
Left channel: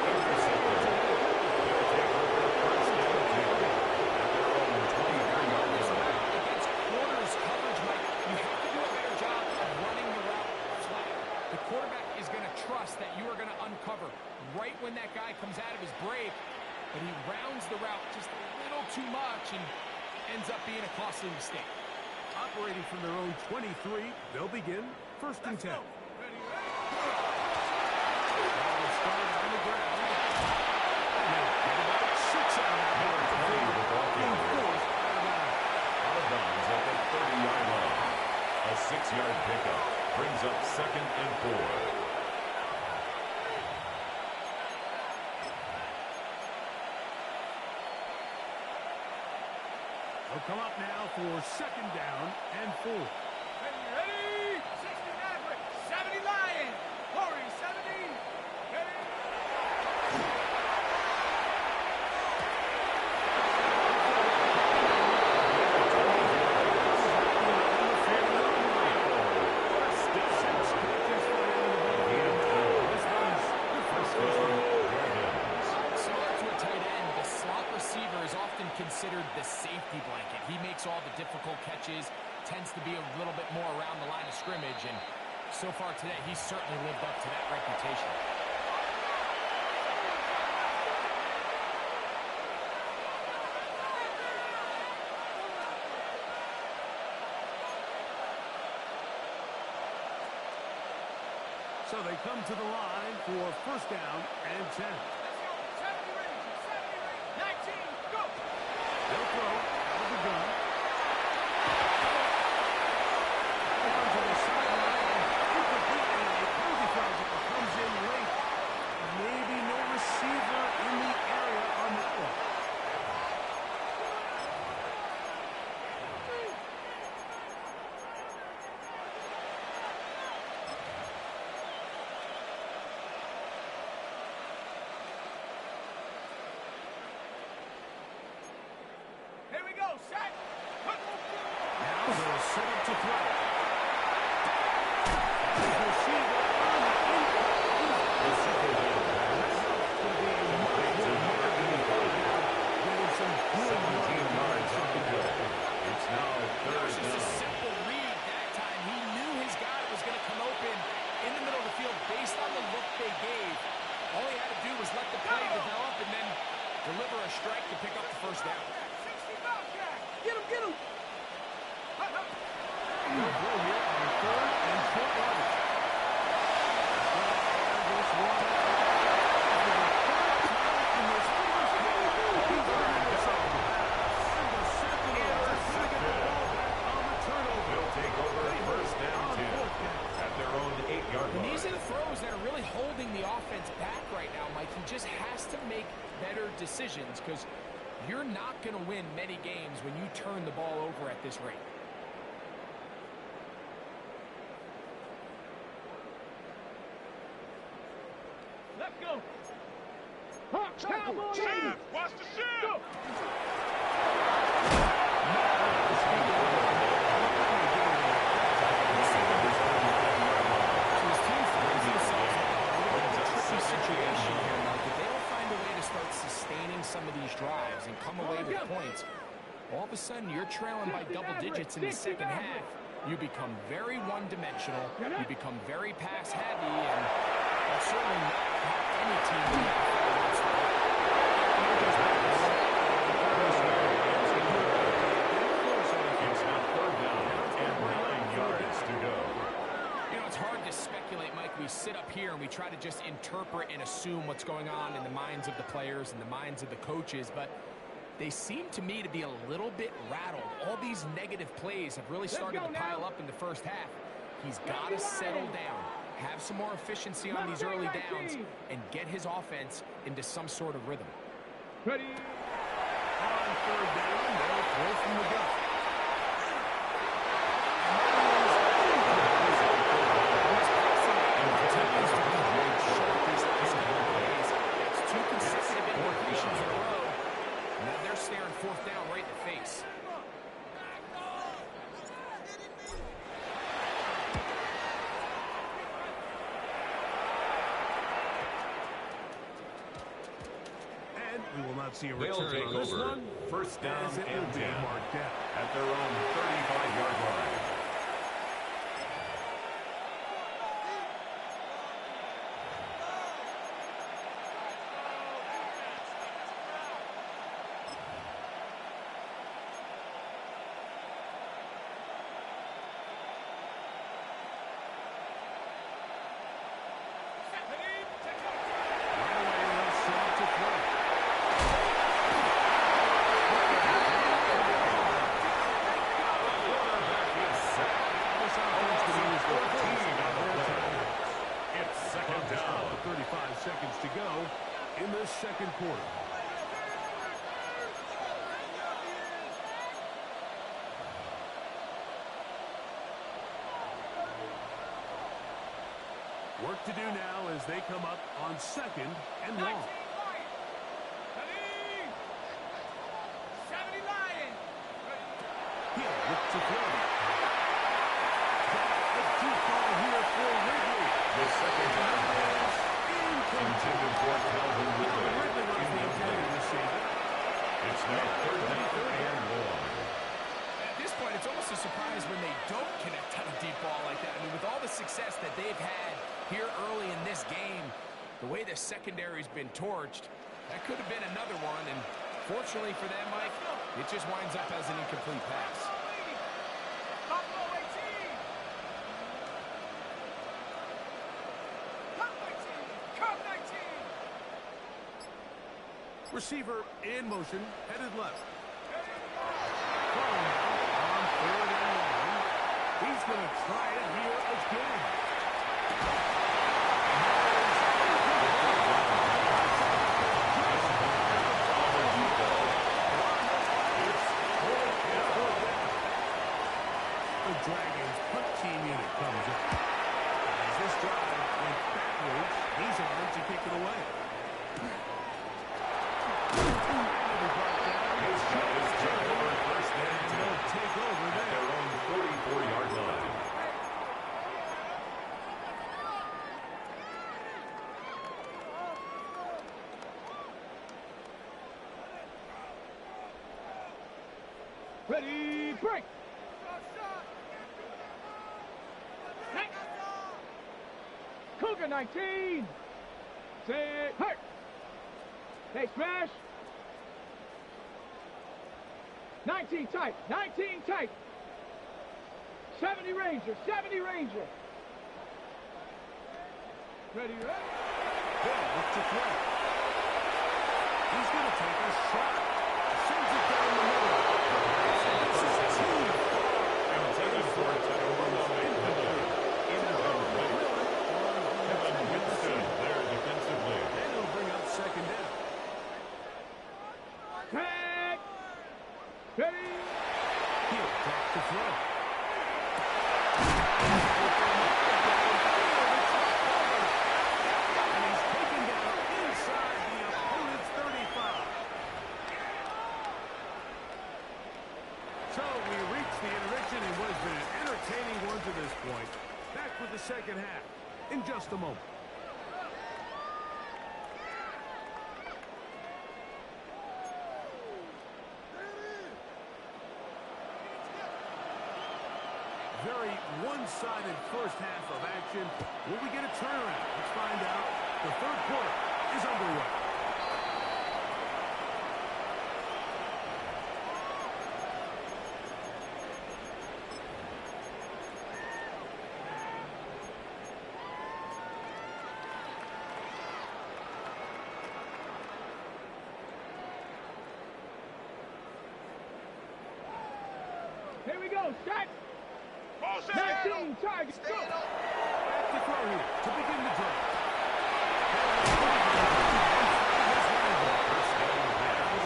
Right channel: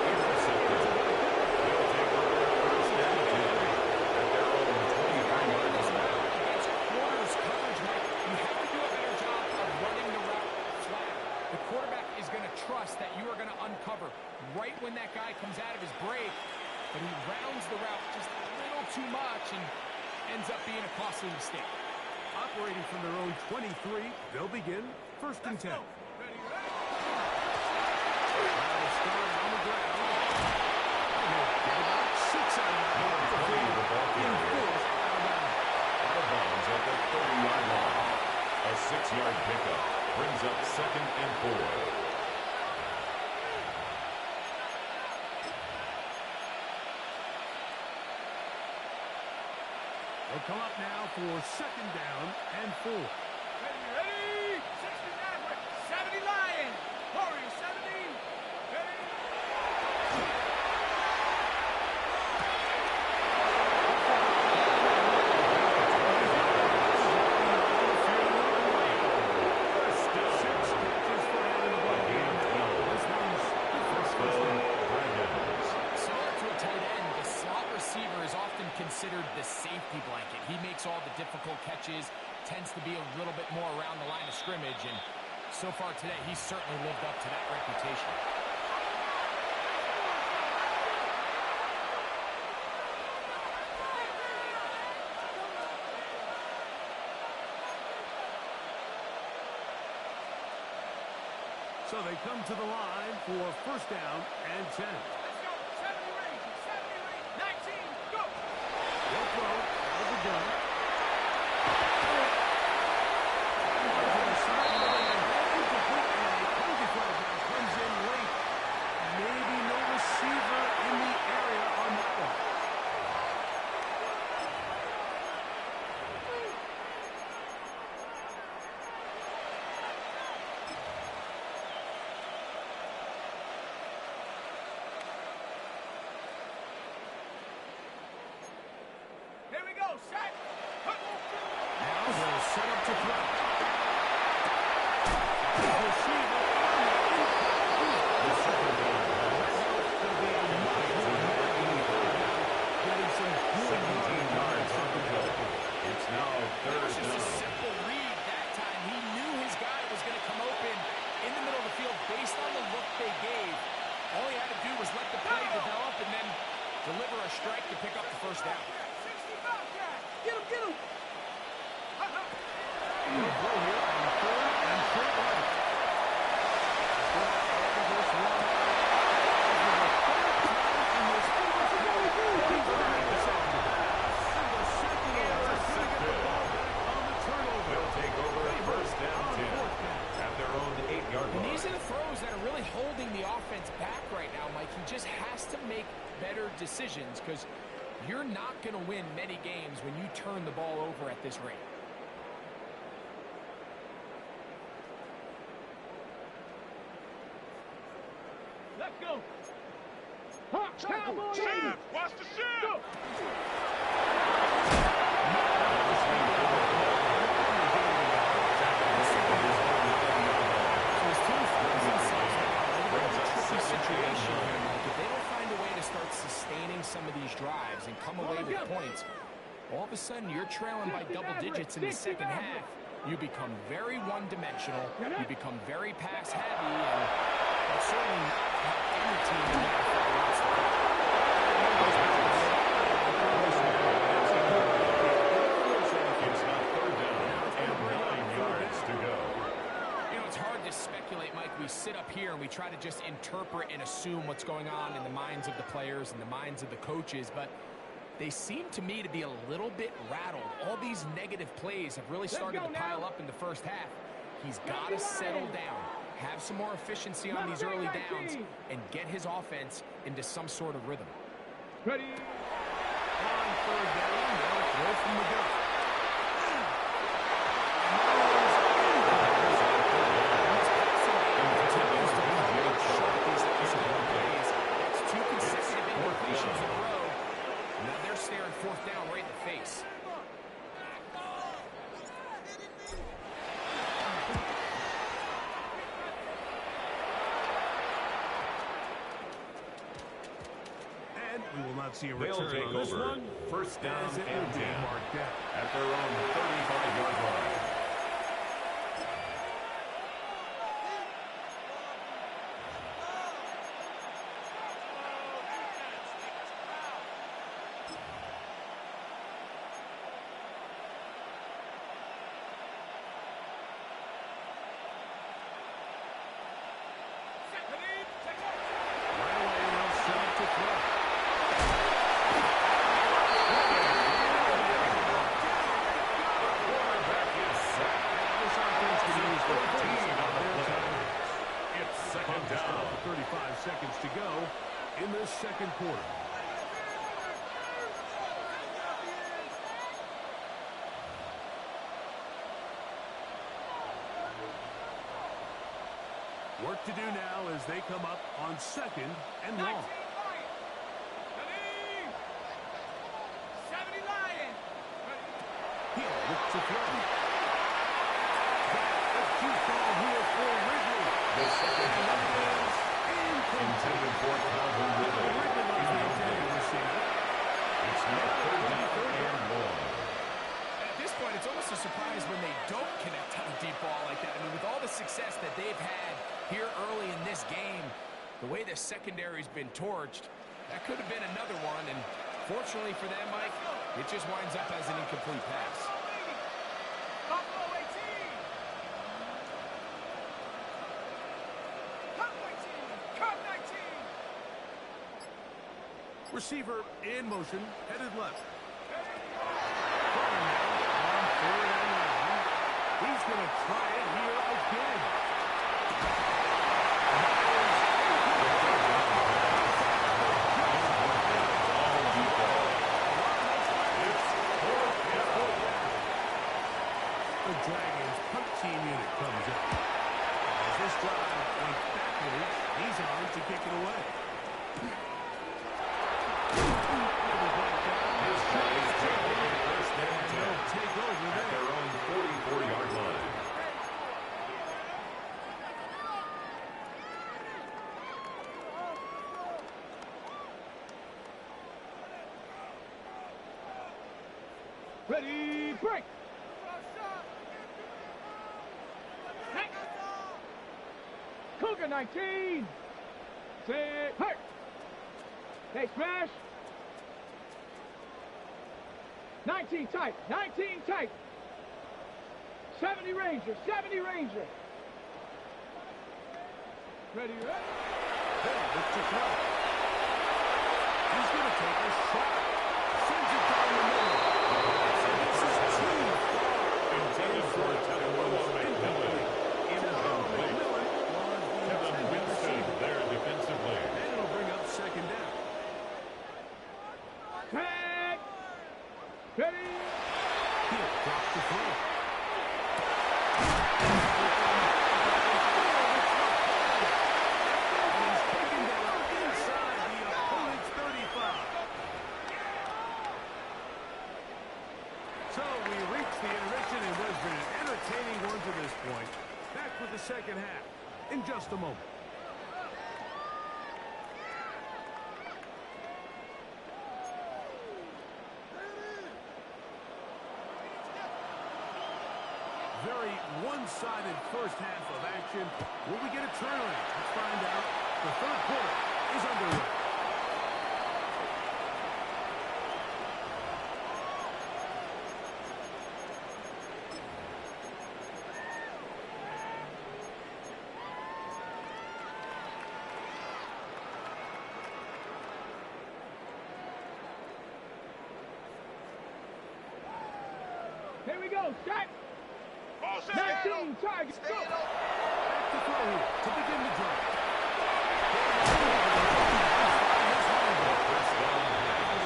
Intercepted. They'll take over first and 10 at their own 23-yard line. Against quarters coverage, Mike, you have to do a better job of running the route flat. The quarterback is going to trust that you are going to uncover right when that guy comes out of his break, but he rounds the route just a little too much and ends up being a costly mistake. Operating from their own 23, they'll begin first and 10. Now they start on the ground. And they'll get about 6 out of that. Number 20, the ball carrier. Enforced out of bounds. Out of bounds at the 30-yard line. A 6-yard pickup brings up second and 4. They'll come up now for second down and 4. Ready? 60 Maverick! 70 Lion! Corey 70! Ready? First down. 6 catches for him in the ball game. This one's the first one. Dragons. Similar to a tight end, the slot receiver is often considered the safety blanket. He makes all the difficult catches, tends to be a little bit more around the line of scrimmage, and so far today, he's certainly lived up to that reputation. So they come to the line for first down and 10. Let's go. 70 range. 70 range. 19. Go. They'll throw out of the gun. On to the sideline and incomplete, and a penalty flag now comes in late. Maybe no receiver in the area on that one. Here we go. Set. Now they'll set up to throw. Receiver on the incomplete. The second down pass. Could be much more 85 now. Getting some good 17 yards on the play. It's now It was third just a down. simple read that time. He knew his guy was going to come open in the middle of the field based on the look they gave. All he had to do was let the play develop and then deliver a strike to pick up the first down. 65 cat. Get him, get him. He'll throw here on third and short yardage. Going to air this one out. For the third time in this first game, he's going to intercept the pass. And the Sentinels are going to get the ball back on the turnover. They'll take over first down 10 at their own 8-yard And line. these are the throws that are really holding the offense back right now, Mike. He just has to make better decisions because you're not going to win many games when you turn the ball over at this rate. Let's go. Cowboy. Watch the shift! Go. So his team finds themselves now in a little bit of a tricky situation here, Mike. If they don't find a way to start sustaining some of these drives and come away with points, all of a sudden you're trailing by double digits in the second half. You become very one-dimensional. You become very pass-heavy, and that's certainly not how any team in the NFL wants to play. It's now third down and 9 yards to go. You know, it's hard to speculate, Mike. We sit up here and we try to just interpret and assume what's going on in the minds of the players and the minds of the coaches, but they seem to me to be a little bit rattled. All these negative plays have really started to pile up in the first half. He's got to settle down, have some more efficiency on these early downs, and get his offense into some sort of rhythm. Ready. On third down, they'll throw from the gun. His passing game continues to be very sharp these last couple of plays. That's 2 consecutive incompletions in a row. Now they're staring fourth down right in the face. And we will not see a They'll return take on this over one. first down As it and will be 10 marked out. at their own 35-yard line. Right away, they'll set up to throw. Quarterback is sacked. This offense can use the 14 on the their play. timeouts. It's second Clock is stopped down. with 35 seconds to go in the second quarter. Work to do now as they come up on second and long. 70 Lions. He'll look to throw. A deep ball here for Ridley. The second down pass intended for Calvin Ridley. Ridley was the intended receiver. It's now third down and long. At this point, it's almost a surprise when they don't connect on a deep ball like that. I mean, with all the success that they've had here early in this game, the way the secondary's been torched, that could have been another one. And fortunately for them, Mike, it just winds up as an incomplete pass. Receiver in motion, headed left. Throwing now on 3rd and 1. He's going to try it here again. The Dragons punt team unit comes up. As this drive went backwards, he's on to kick it away. His guys take over first and 10. They'll take over at their own 44-yard line. Ready, break. Next. Cougar 19. Set, hurt. Hey, smash. 19 tight, 19 tight. 70 Ranger, 70 Ranger. Ready, ready. Hill look to throw. He's going to take a shot. Sends it down the middle. This is too far. Intended for Teddy McMillan. Incomplete. Kevin Winston there defensively. And it'll bring up 2nd down. Tag. Ready. He'll drop the throw. And he's taken down inside the opponent's 35. So we reached the intermission in what has been an entertaining one to this point. Back with the second half in just a moment. Very one-sided first half of action. Will we get a turnaround? Let's find out. The 3rd quarter is underway. Here we go, set. 19 targets, go. Back to throw here to begin the drive. First down pass.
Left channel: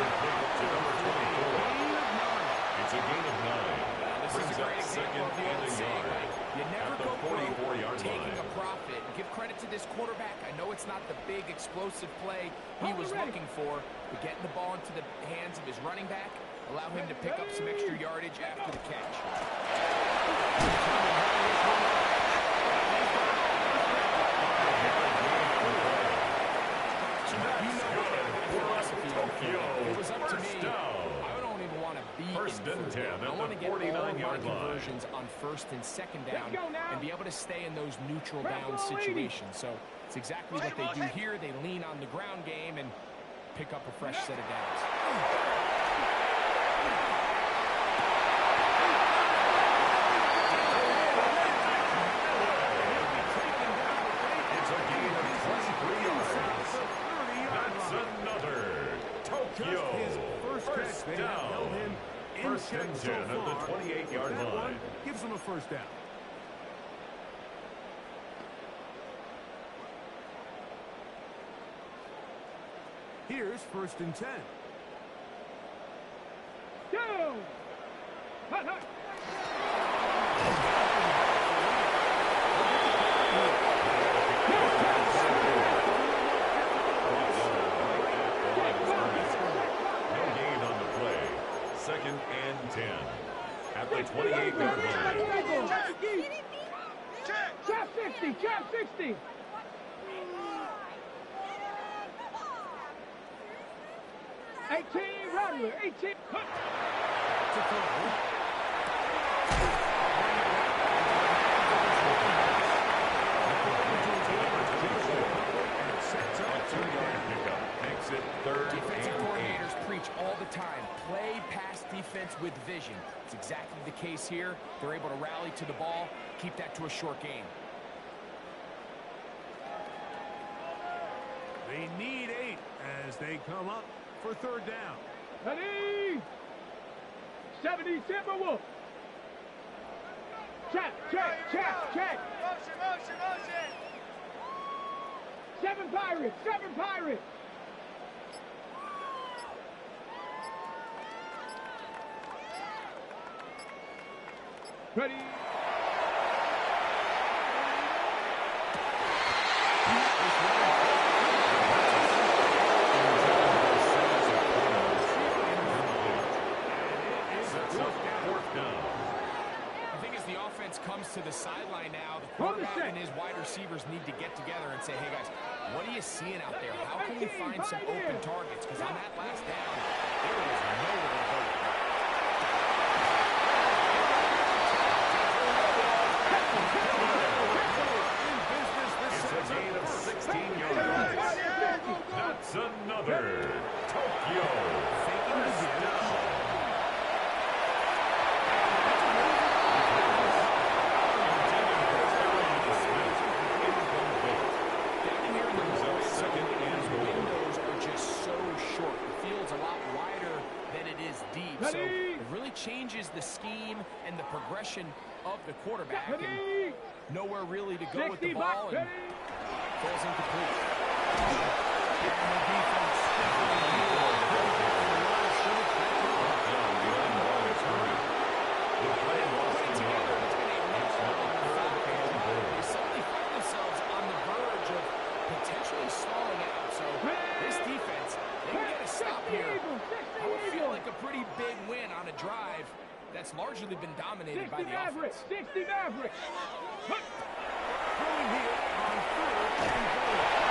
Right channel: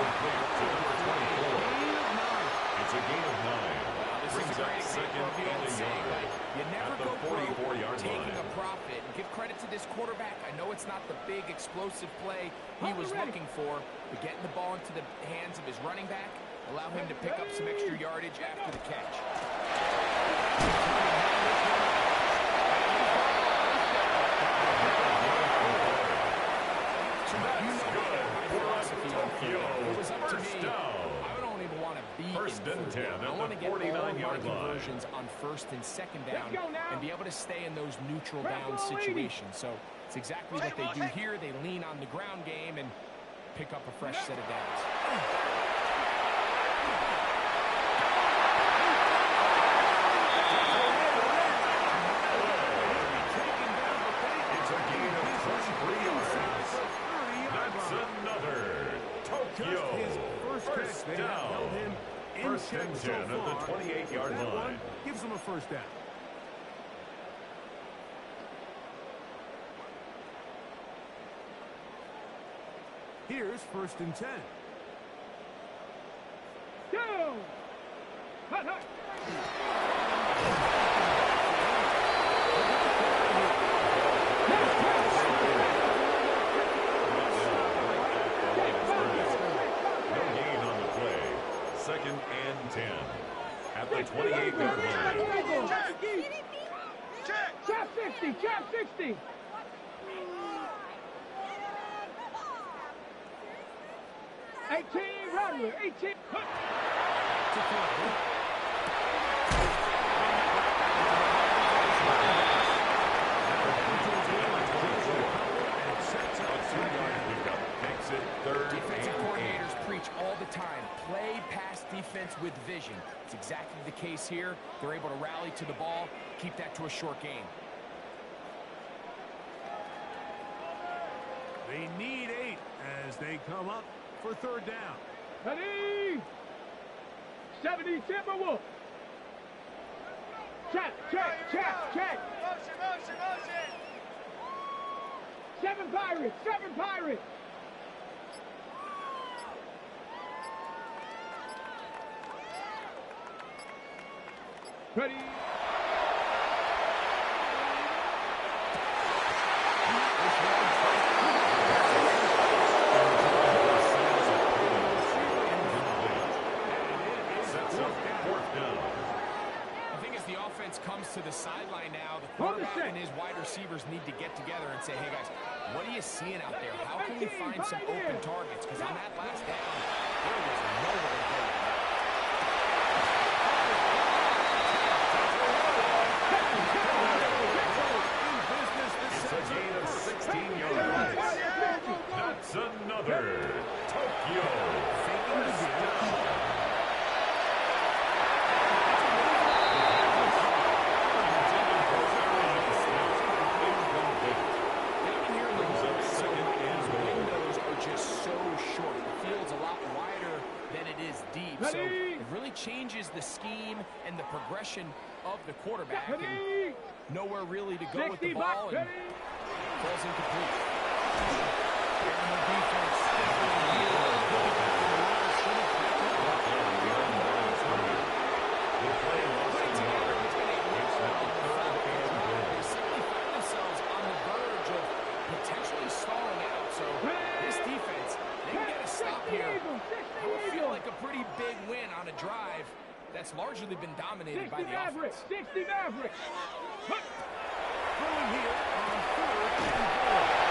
Complete to number 24. It's a gain of 9. Well, this is a great example of the old saying, like, you never go broke 44-yard taking line. a profit. And give credit to this quarterback. I know it's not the big explosive play he was looking for, but getting the ball into the hands of his running back, allow him to pick up some extra yardage after the catch. So you know my philosophy on field. If it was up to me, I don't even want to be First in and 3rd 10 down. I at want the to get all of my 49-yard line. conversions on 1st and 2nd down and be able to stay in those neutral down Red ball, situations. So it's exactly what they do here. They lean on the ground game and pick up a fresh set of downs. It's a gain of 23 yards. That's another Tokyo. First down. First and 10 at the 28-yard line. Gives them a first down. Here's 1st and 10. Go. Hut, hut. No gain on the play. 2nd and 10 at the 28-yard line. Chop 60, chop 60. Rattler, 18. To throw. A 2-yard pickup makes it 3rd Defensive and 8. coordinators preach all the time, play pass defense with vision. It's exactly the case here. They're able to rally to the ball, keep that to a short gain. They need 8 as they come up for third down. Ready? 70 Timberwolves. Check. Motion. 7 Pirates. Ready? Fourth down. I think as the offense comes to the sideline now, the quarterback and his wide receivers need to get together and say, hey, guys, what are you seeing out there? How can we find some open targets? Because on that last down, there was nowhere to go with that. It's a gain of 16 yards. That's another Tokyo first down. Just so short. The field's a lot wider than it is deep. So it really changes the scheme and the progression of the quarterback. And nowhere really to go with the ball and falls incomplete. And the defense stepping here. The play lost Putting in together yards. what's been a It's now third and goal. they suddenly find themselves on the verge of potentially stalling out. So this defense, they can get a stop here. I would feel like a pretty big win on a drive that's largely been dominated by the offense. 60 Mavericks. Throwing here on third and goal.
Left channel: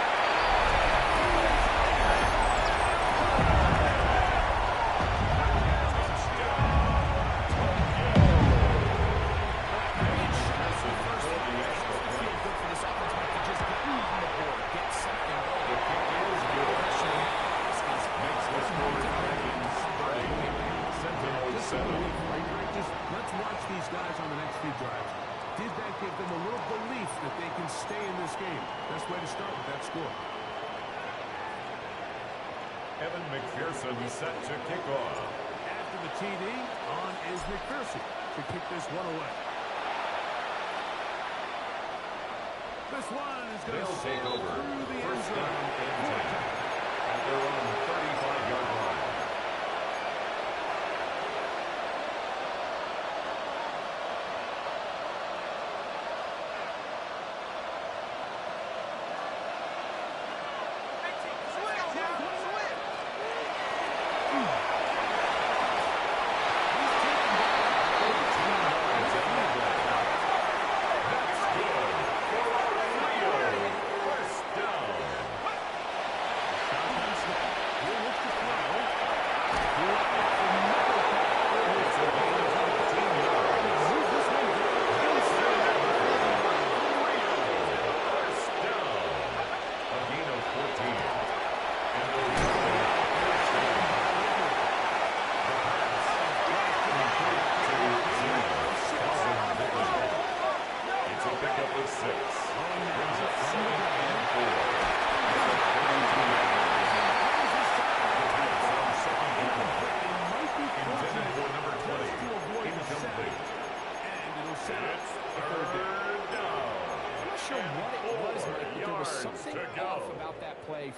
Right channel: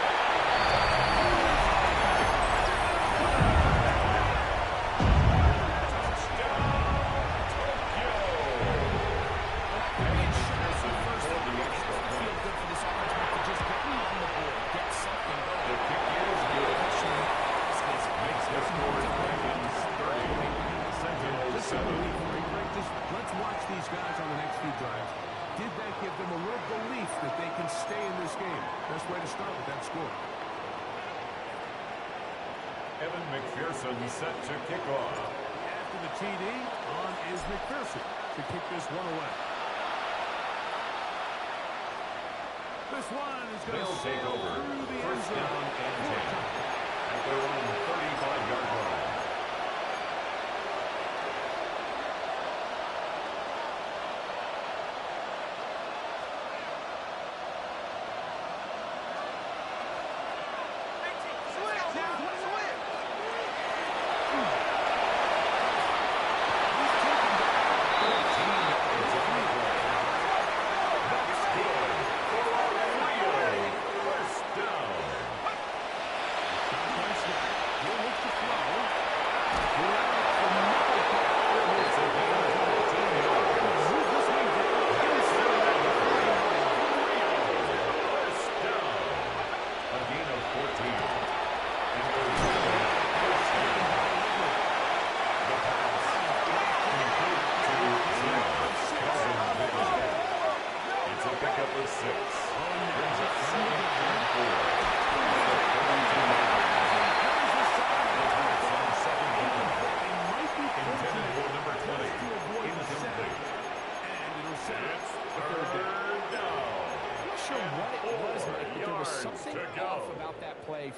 Let's watch these guys on the next few drives. Did that give them a little belief that they can stay in this game? Best way to start with that score. Evan McPherson set to kick off. After the TD, on is McPherson to kick this one away. This one is going to take over. through the end First zone. down and 10 at their own 35-yard line.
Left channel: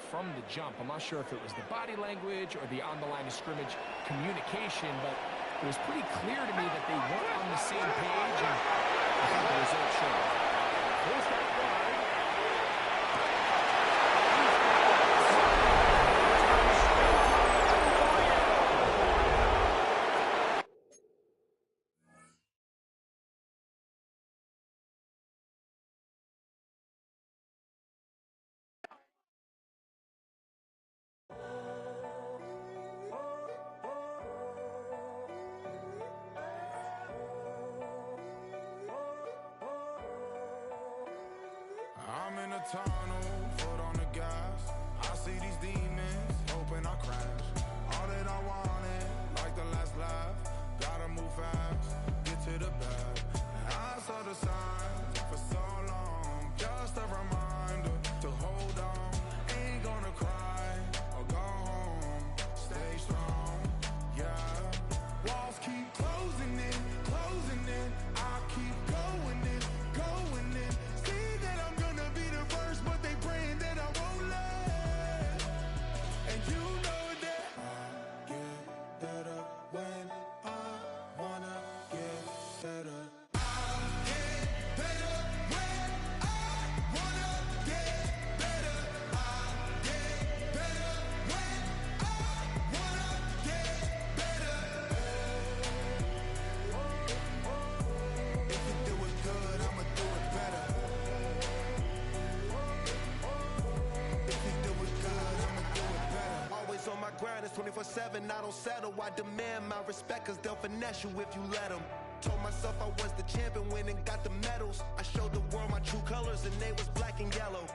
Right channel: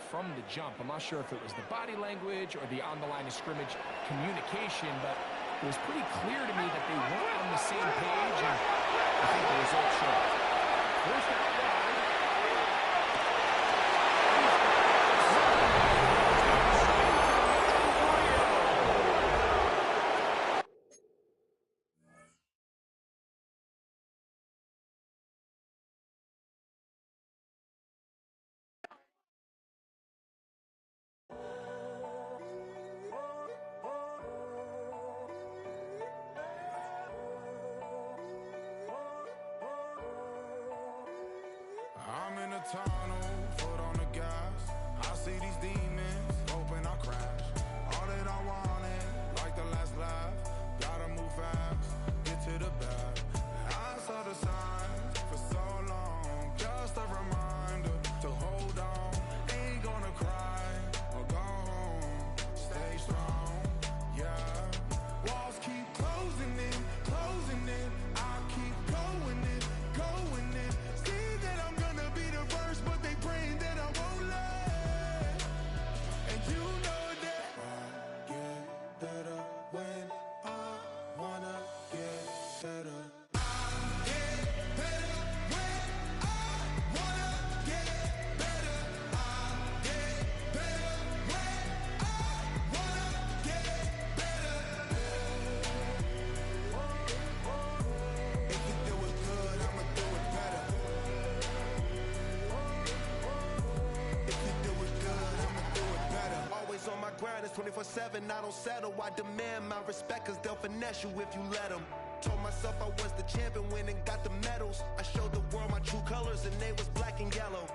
From the jump. I'm not sure if it was the body language or the on-the-line of scrimmage communication, but it was pretty clear to me that they weren't on the same page, and I think the result showed. Forced out wide. I'm in a tunnel, foot on the gas. I see these demons, hoping I crash. All that I wanted, like the last laugh. Gotta move fast, get to the bag. I saw the signs for so long. Just a reminder to hold on. Ain't gonna cry never go home. Stay strong, yeah. Walls keep closing in, closing in. I keep going in, going in. See that I'm gonna be the first, but they praying that I won't let. And you know that I get better when I wanna get better. On my grind, it's 24/7, I don't settle. I demand my respect, cause they'll finesse you if you let them. Told myself I was the champion, went and got the medals. I showed the world my true colors and they was black and yellow.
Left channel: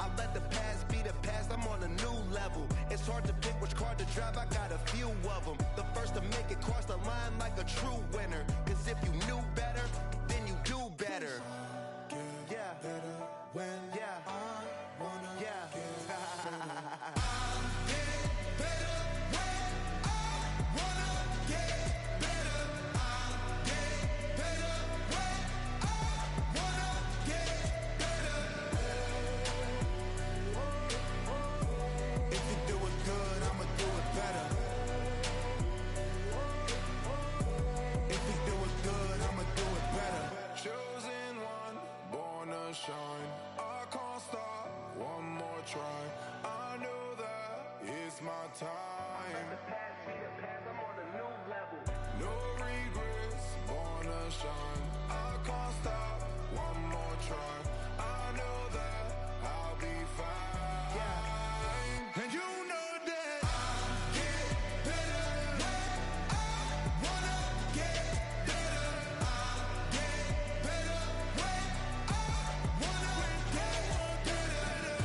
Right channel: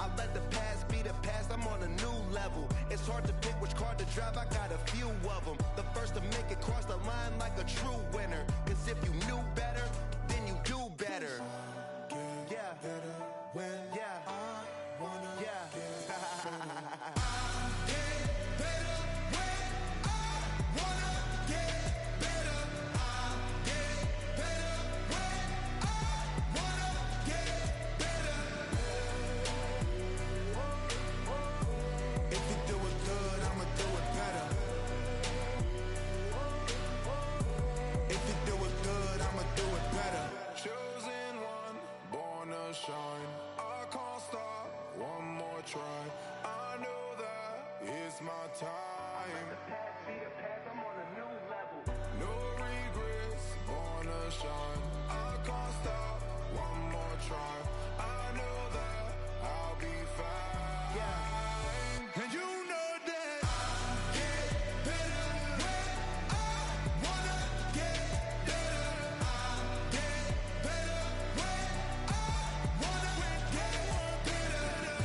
I let the past be the past, I'm on a new level. It's hard to pick which car to drive, I got a few of them. The first to make it cross the line like a true winner. Cause if you knew better, then you do better. Yeah. Better when I wanna get better. Chosen one, born to shine. I can't stop, one more try. I know that it's my time. Let the past be the past, I'm on a new level. No regrets, born to shine. I can't stop, one more try. I know that I'll be fine. Yeah. And you know that I get better when I wanna get better. I get better when I wanna get better.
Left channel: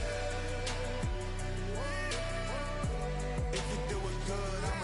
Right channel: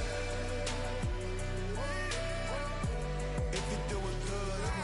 If you do it good, I'm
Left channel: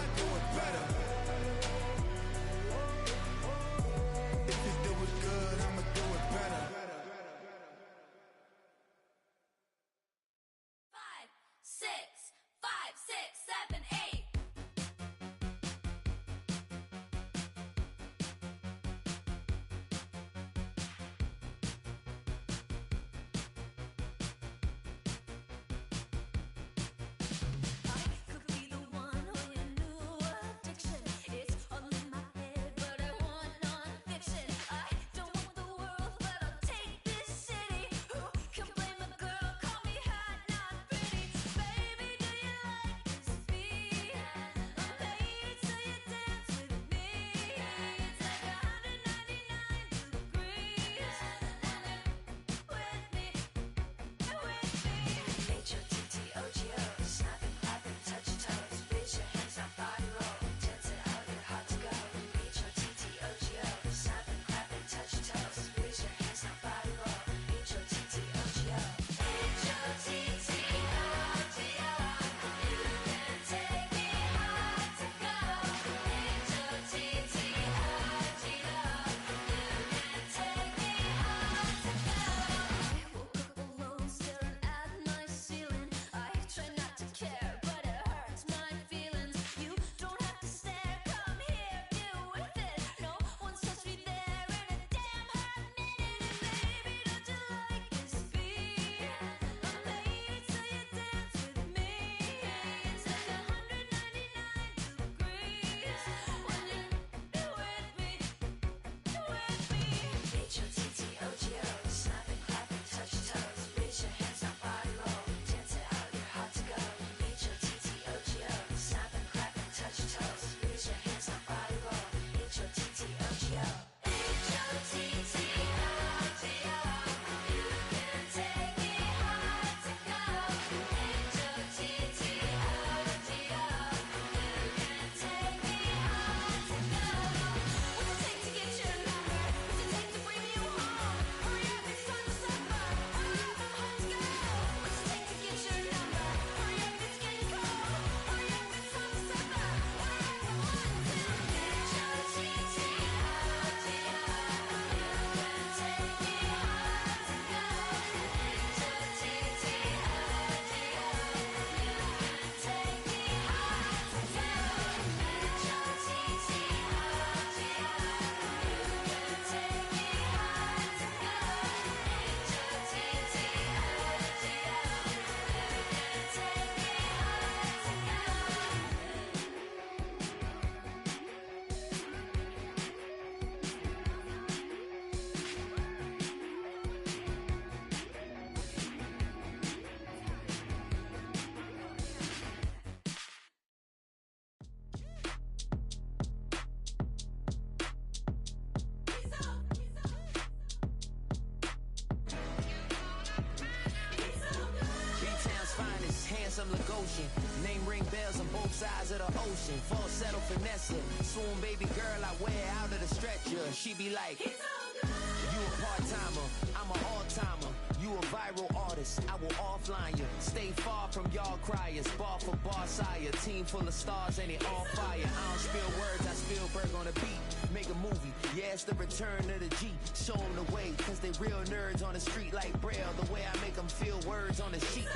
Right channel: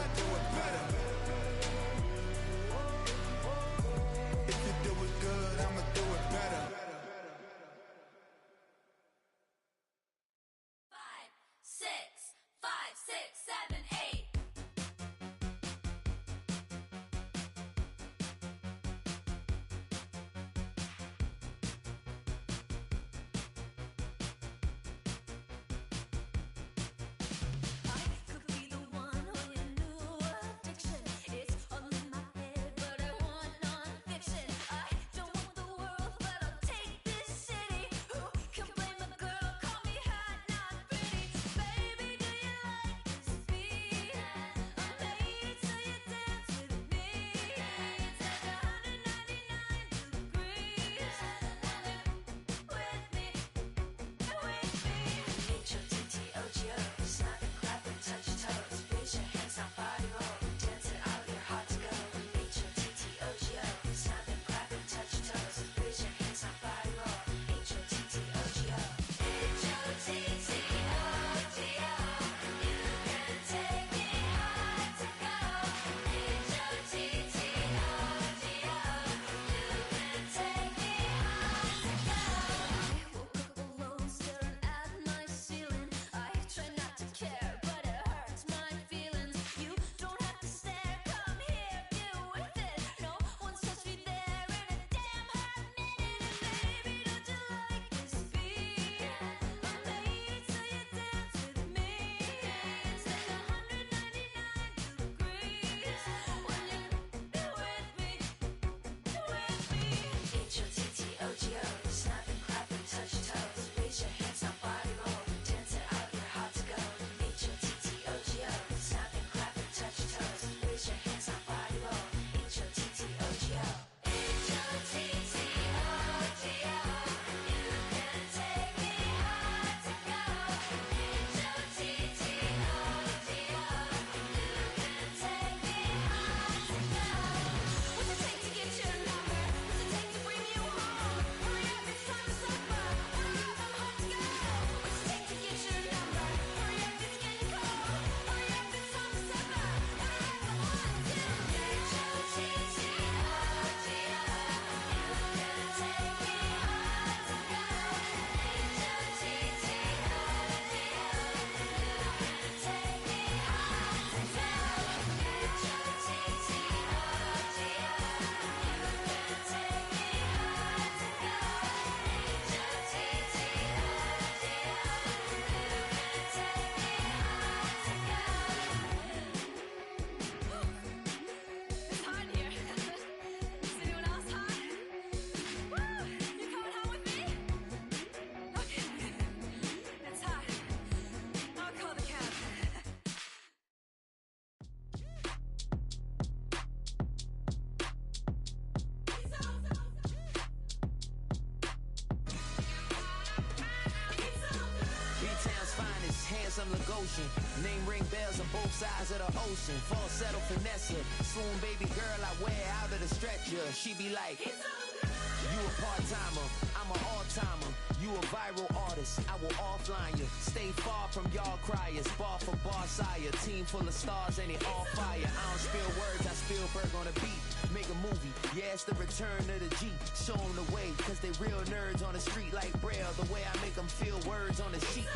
handsome Lagosian. Name ring bells on both sides of the ocean. Falsetto finesse, swoon baby girl I wear out of the stretcher. She be like, you a part-timer, I'm an all-timer. You a viral artist, I will offline you. Stay far from y'all criers, bar for bar sire. Team full of stars and it all fire. I don't spill words, I Spielberg on a beat. Make a movie, yeah, it's the return of the G. Show them the way, cause they real nerds on the street like Braille. The way I make them feel words on the sheet.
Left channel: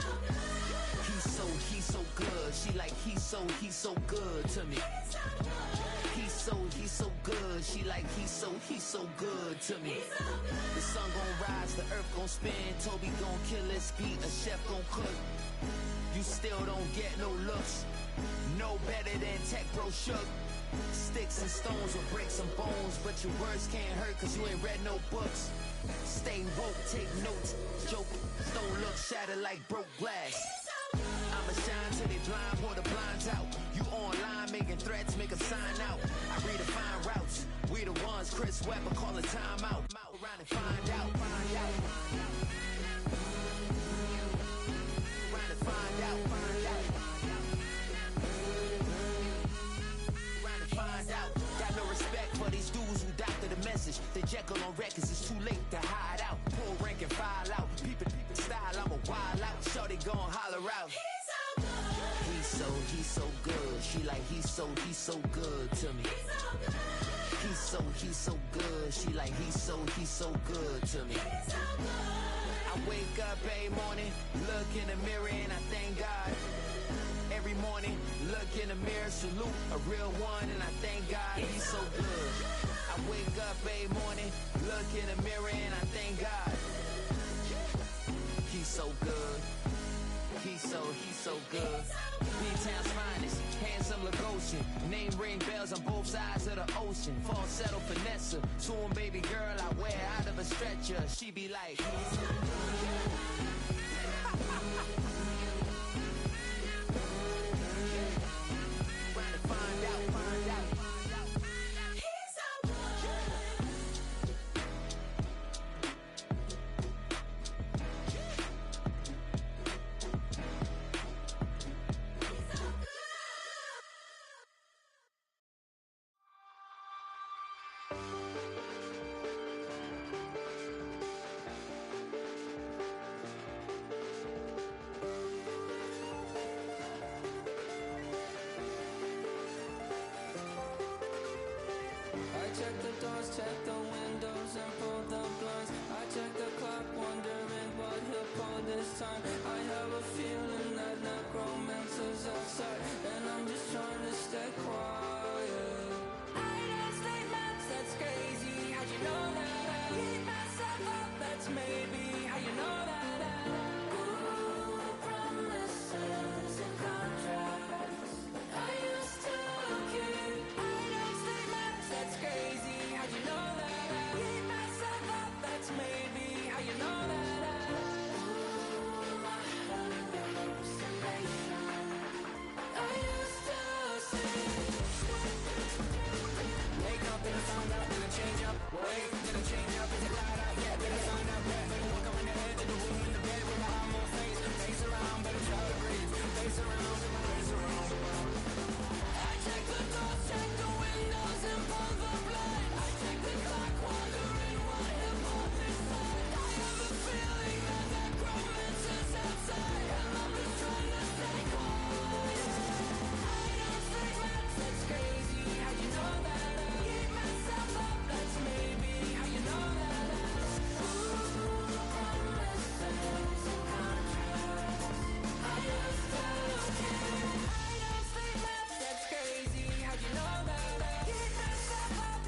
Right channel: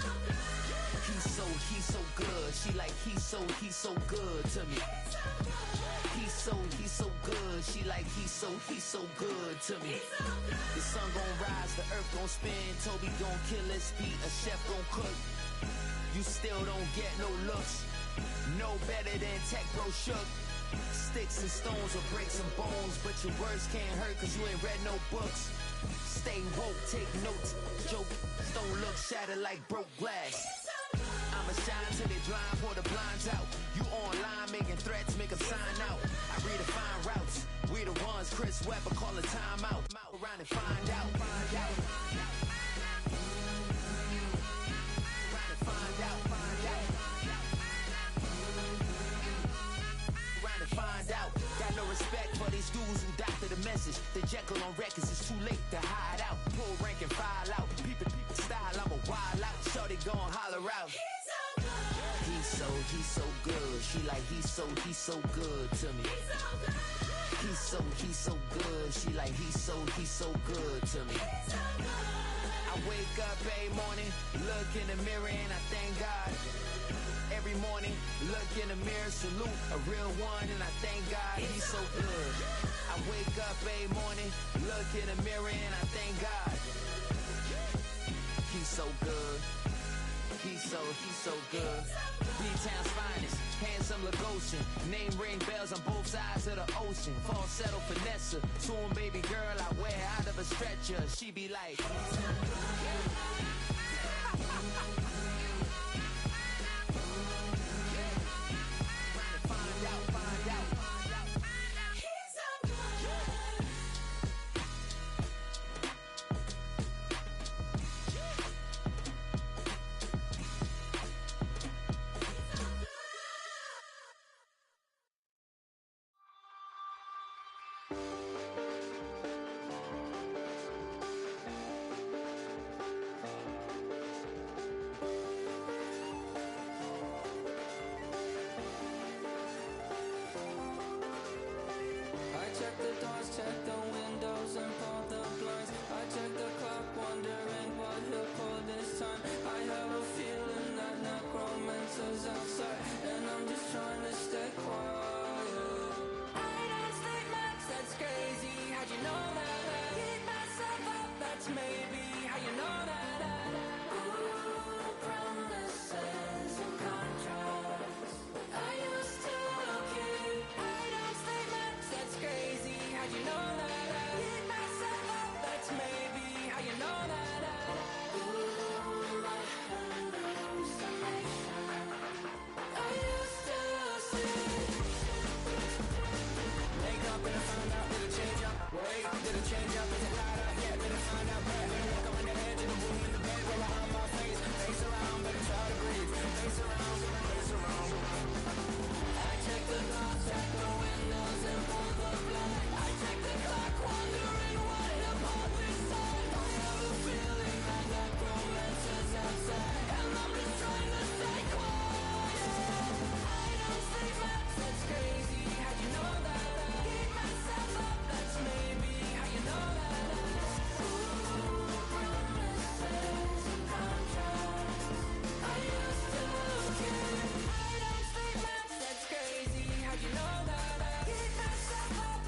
He's so good. She like, he's so good to me. He's so good. She like, he's so good to me. The sun gon' rise, the earth gon' spin. Toby gon' kill this beat, a chef gon' cook. You still don't get no looks. No better than Tech Bro Shook. Sticks and stones will break some bones, but your words can't hurt cause you ain't read no books. Stay woke, take notes, joke. Don't look shattered like broke glass. I'ma shine till they blind, pour the blinds out. You online making threats, make 'em sign out. I redefine routes. We the ones Chris Webber calling time out. Around and find out. Around and find out. Around and find out. Got no respect for these dudes who doctor the message. The Jekyll on records, it's too late to hide out. Pull rank and file out. People style, I'm a wild out. Shorty gon' holler out. He's so good. She like, he's so good to me. He's so good. She like, he's so good to me. I wake up every morning, look in the mirror and I thank God. Every morning, look in the mirror, salute a real one and I thank God he's so good. I wake up every morning, look in the mirror and I thank God. He's so good. He's so good. B-Town's finest, handsome Lagosian. Name ring bells on both sides of the ocean. Falsetto finesse, swoon baby girl I wear out of a stretcher. She be like, trying to find out. I check the doors, check the windows, and pull the blinds. I check the clock, wondering what he'll pull this time. I have a feeling that necromancer's outside, and I'm just trying to stay quiet. I don't stay much, that's crazy. How'd you know that? I keep myself up, that's maybe how you know that. Ooh, promises and contracts. I used to keep. I don't stay much, that's crazy. How'd you know that? I keep myself up, that's maybe how you know that. Ooh, my hallucination. I used to see. Wake up and I find out, did it change up? Wait, did it change up? Is it light up? Yeah, did it find out? Better walk around the edge of the room in the bed with my arm on face. Face around, better try to breathe. Face around, face around. I check the doors, check the windows, and pull the blind. I check the clock, wondering what he'll pull this time. I have a feeling that necromancer's outside, and I'm just trying to stay quiet. I don't stay much, that's crazy. How'd you know that? I keep myself up, that's maybe how you know that. Ooh, promises and contracts. I used to keep. I don't stay much, that's crazy. How'd you know that? I keep myself up,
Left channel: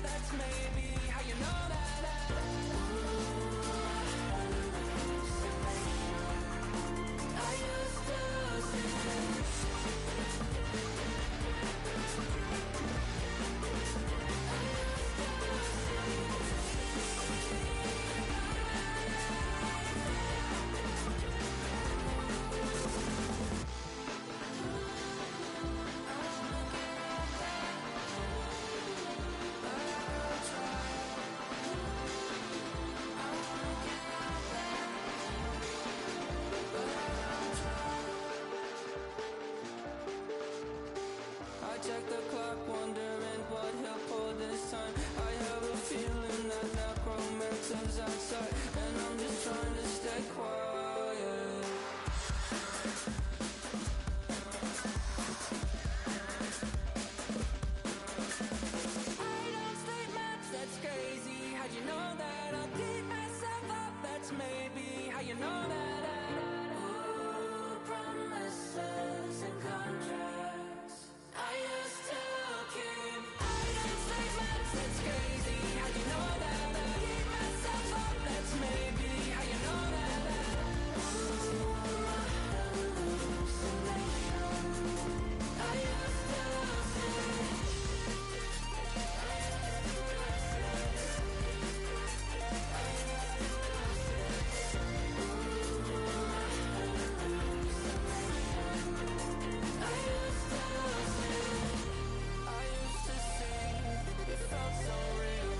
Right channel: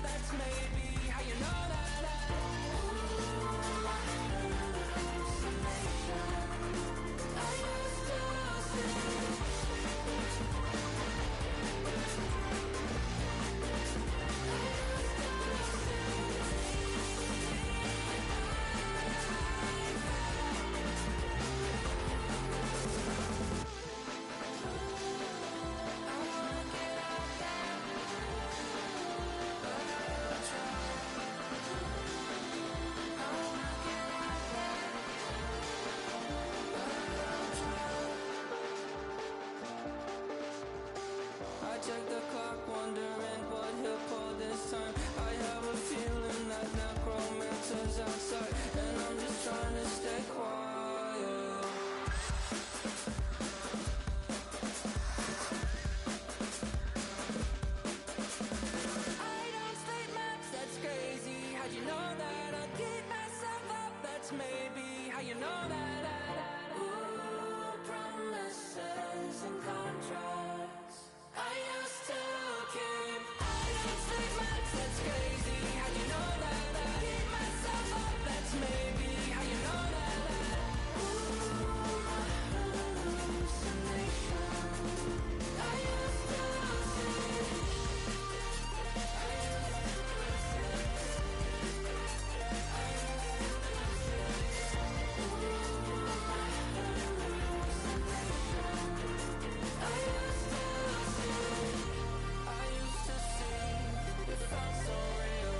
check the clock, wondering what he'll pull this time. I have a feeling that necromancer's outside, and I'm just trying to stay quiet. I don't sleep much, that's crazy. How'd you know that? I'll keep myself up, that's maybe how you know that. Ooh, promises and contracts I used to keep. I don't sleep much, that's crazy. How'd you know that? I'll keep myself up, that's maybe how you know that. Ooh, my hallucination I used to see. I used to see, it felt so real.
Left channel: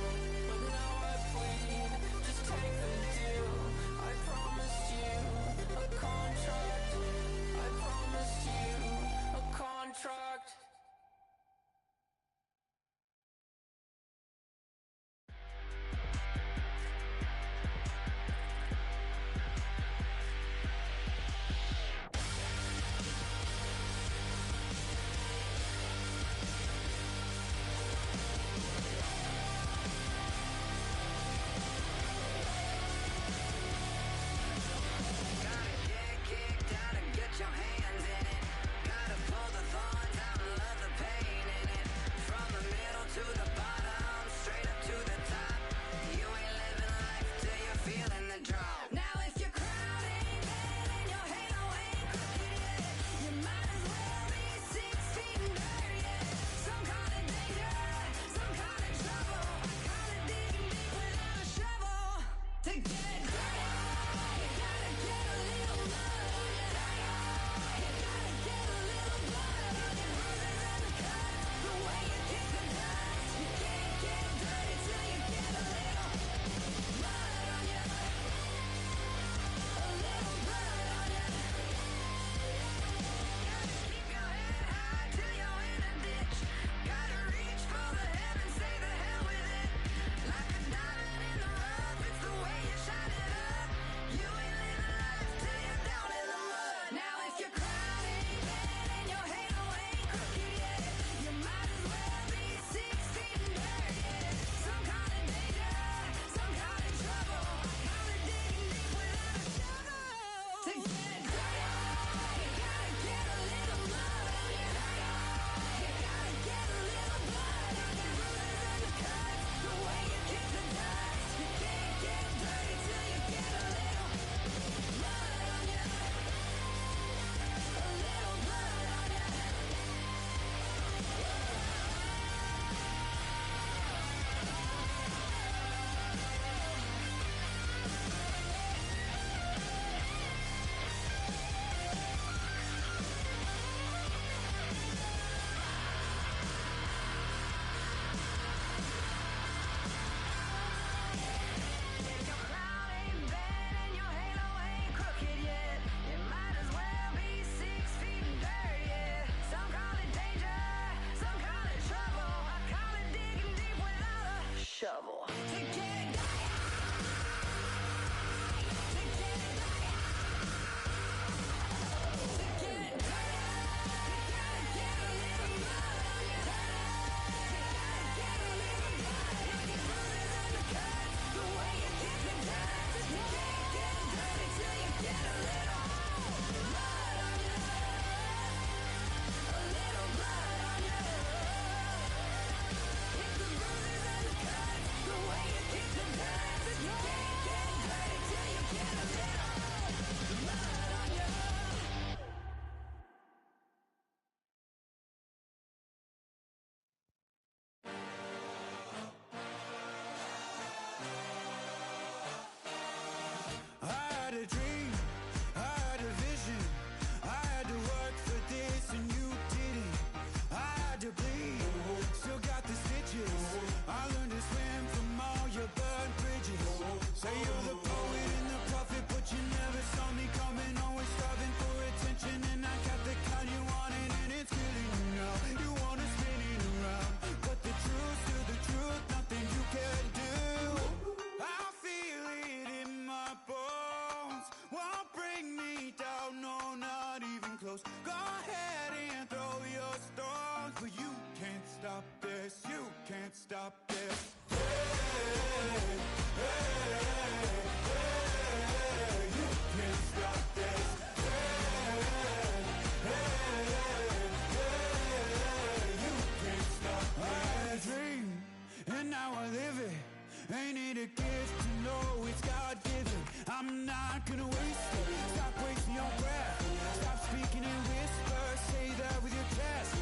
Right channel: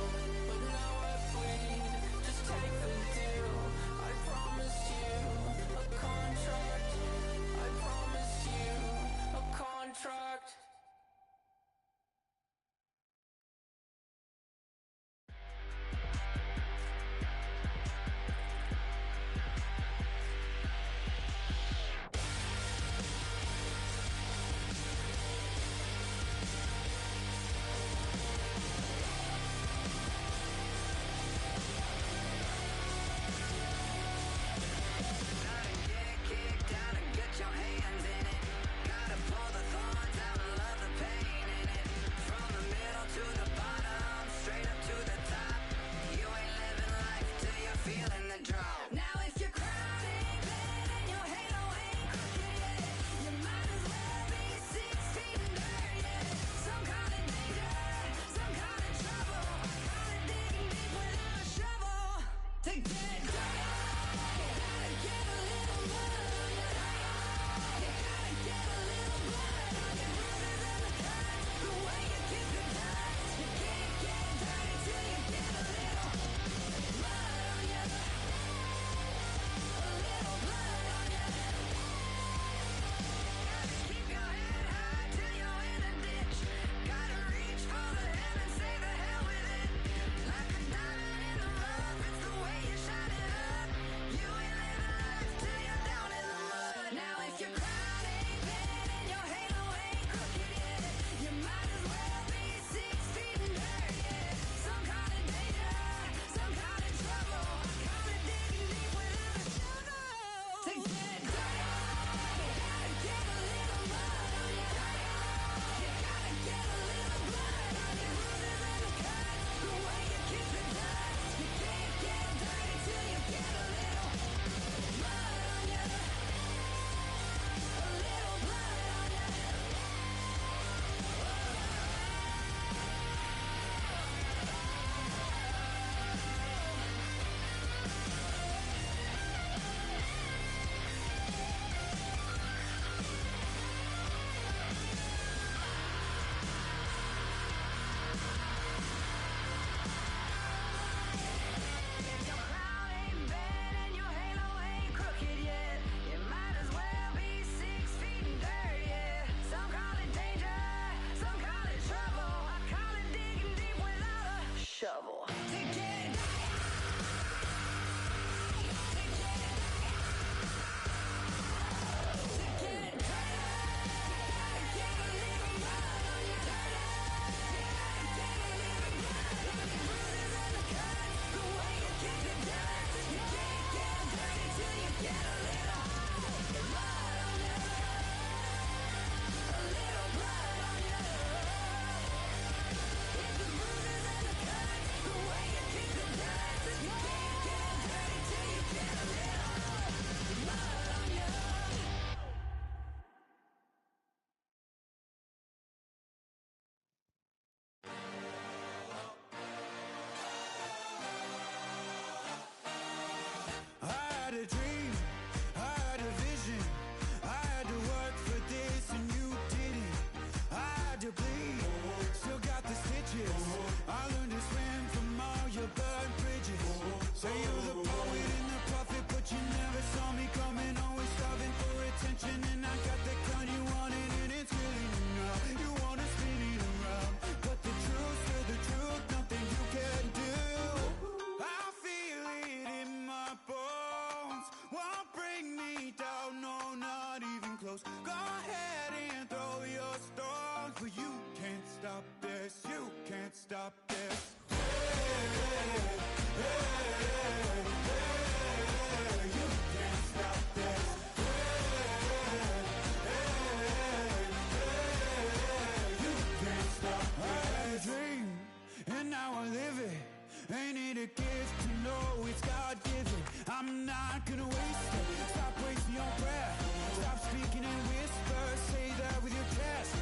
Ain't it a gift to know it's God-given? I'm not gonna waste it. Stop wasting your breath. Stop speaking in whispers. Say that with your chest.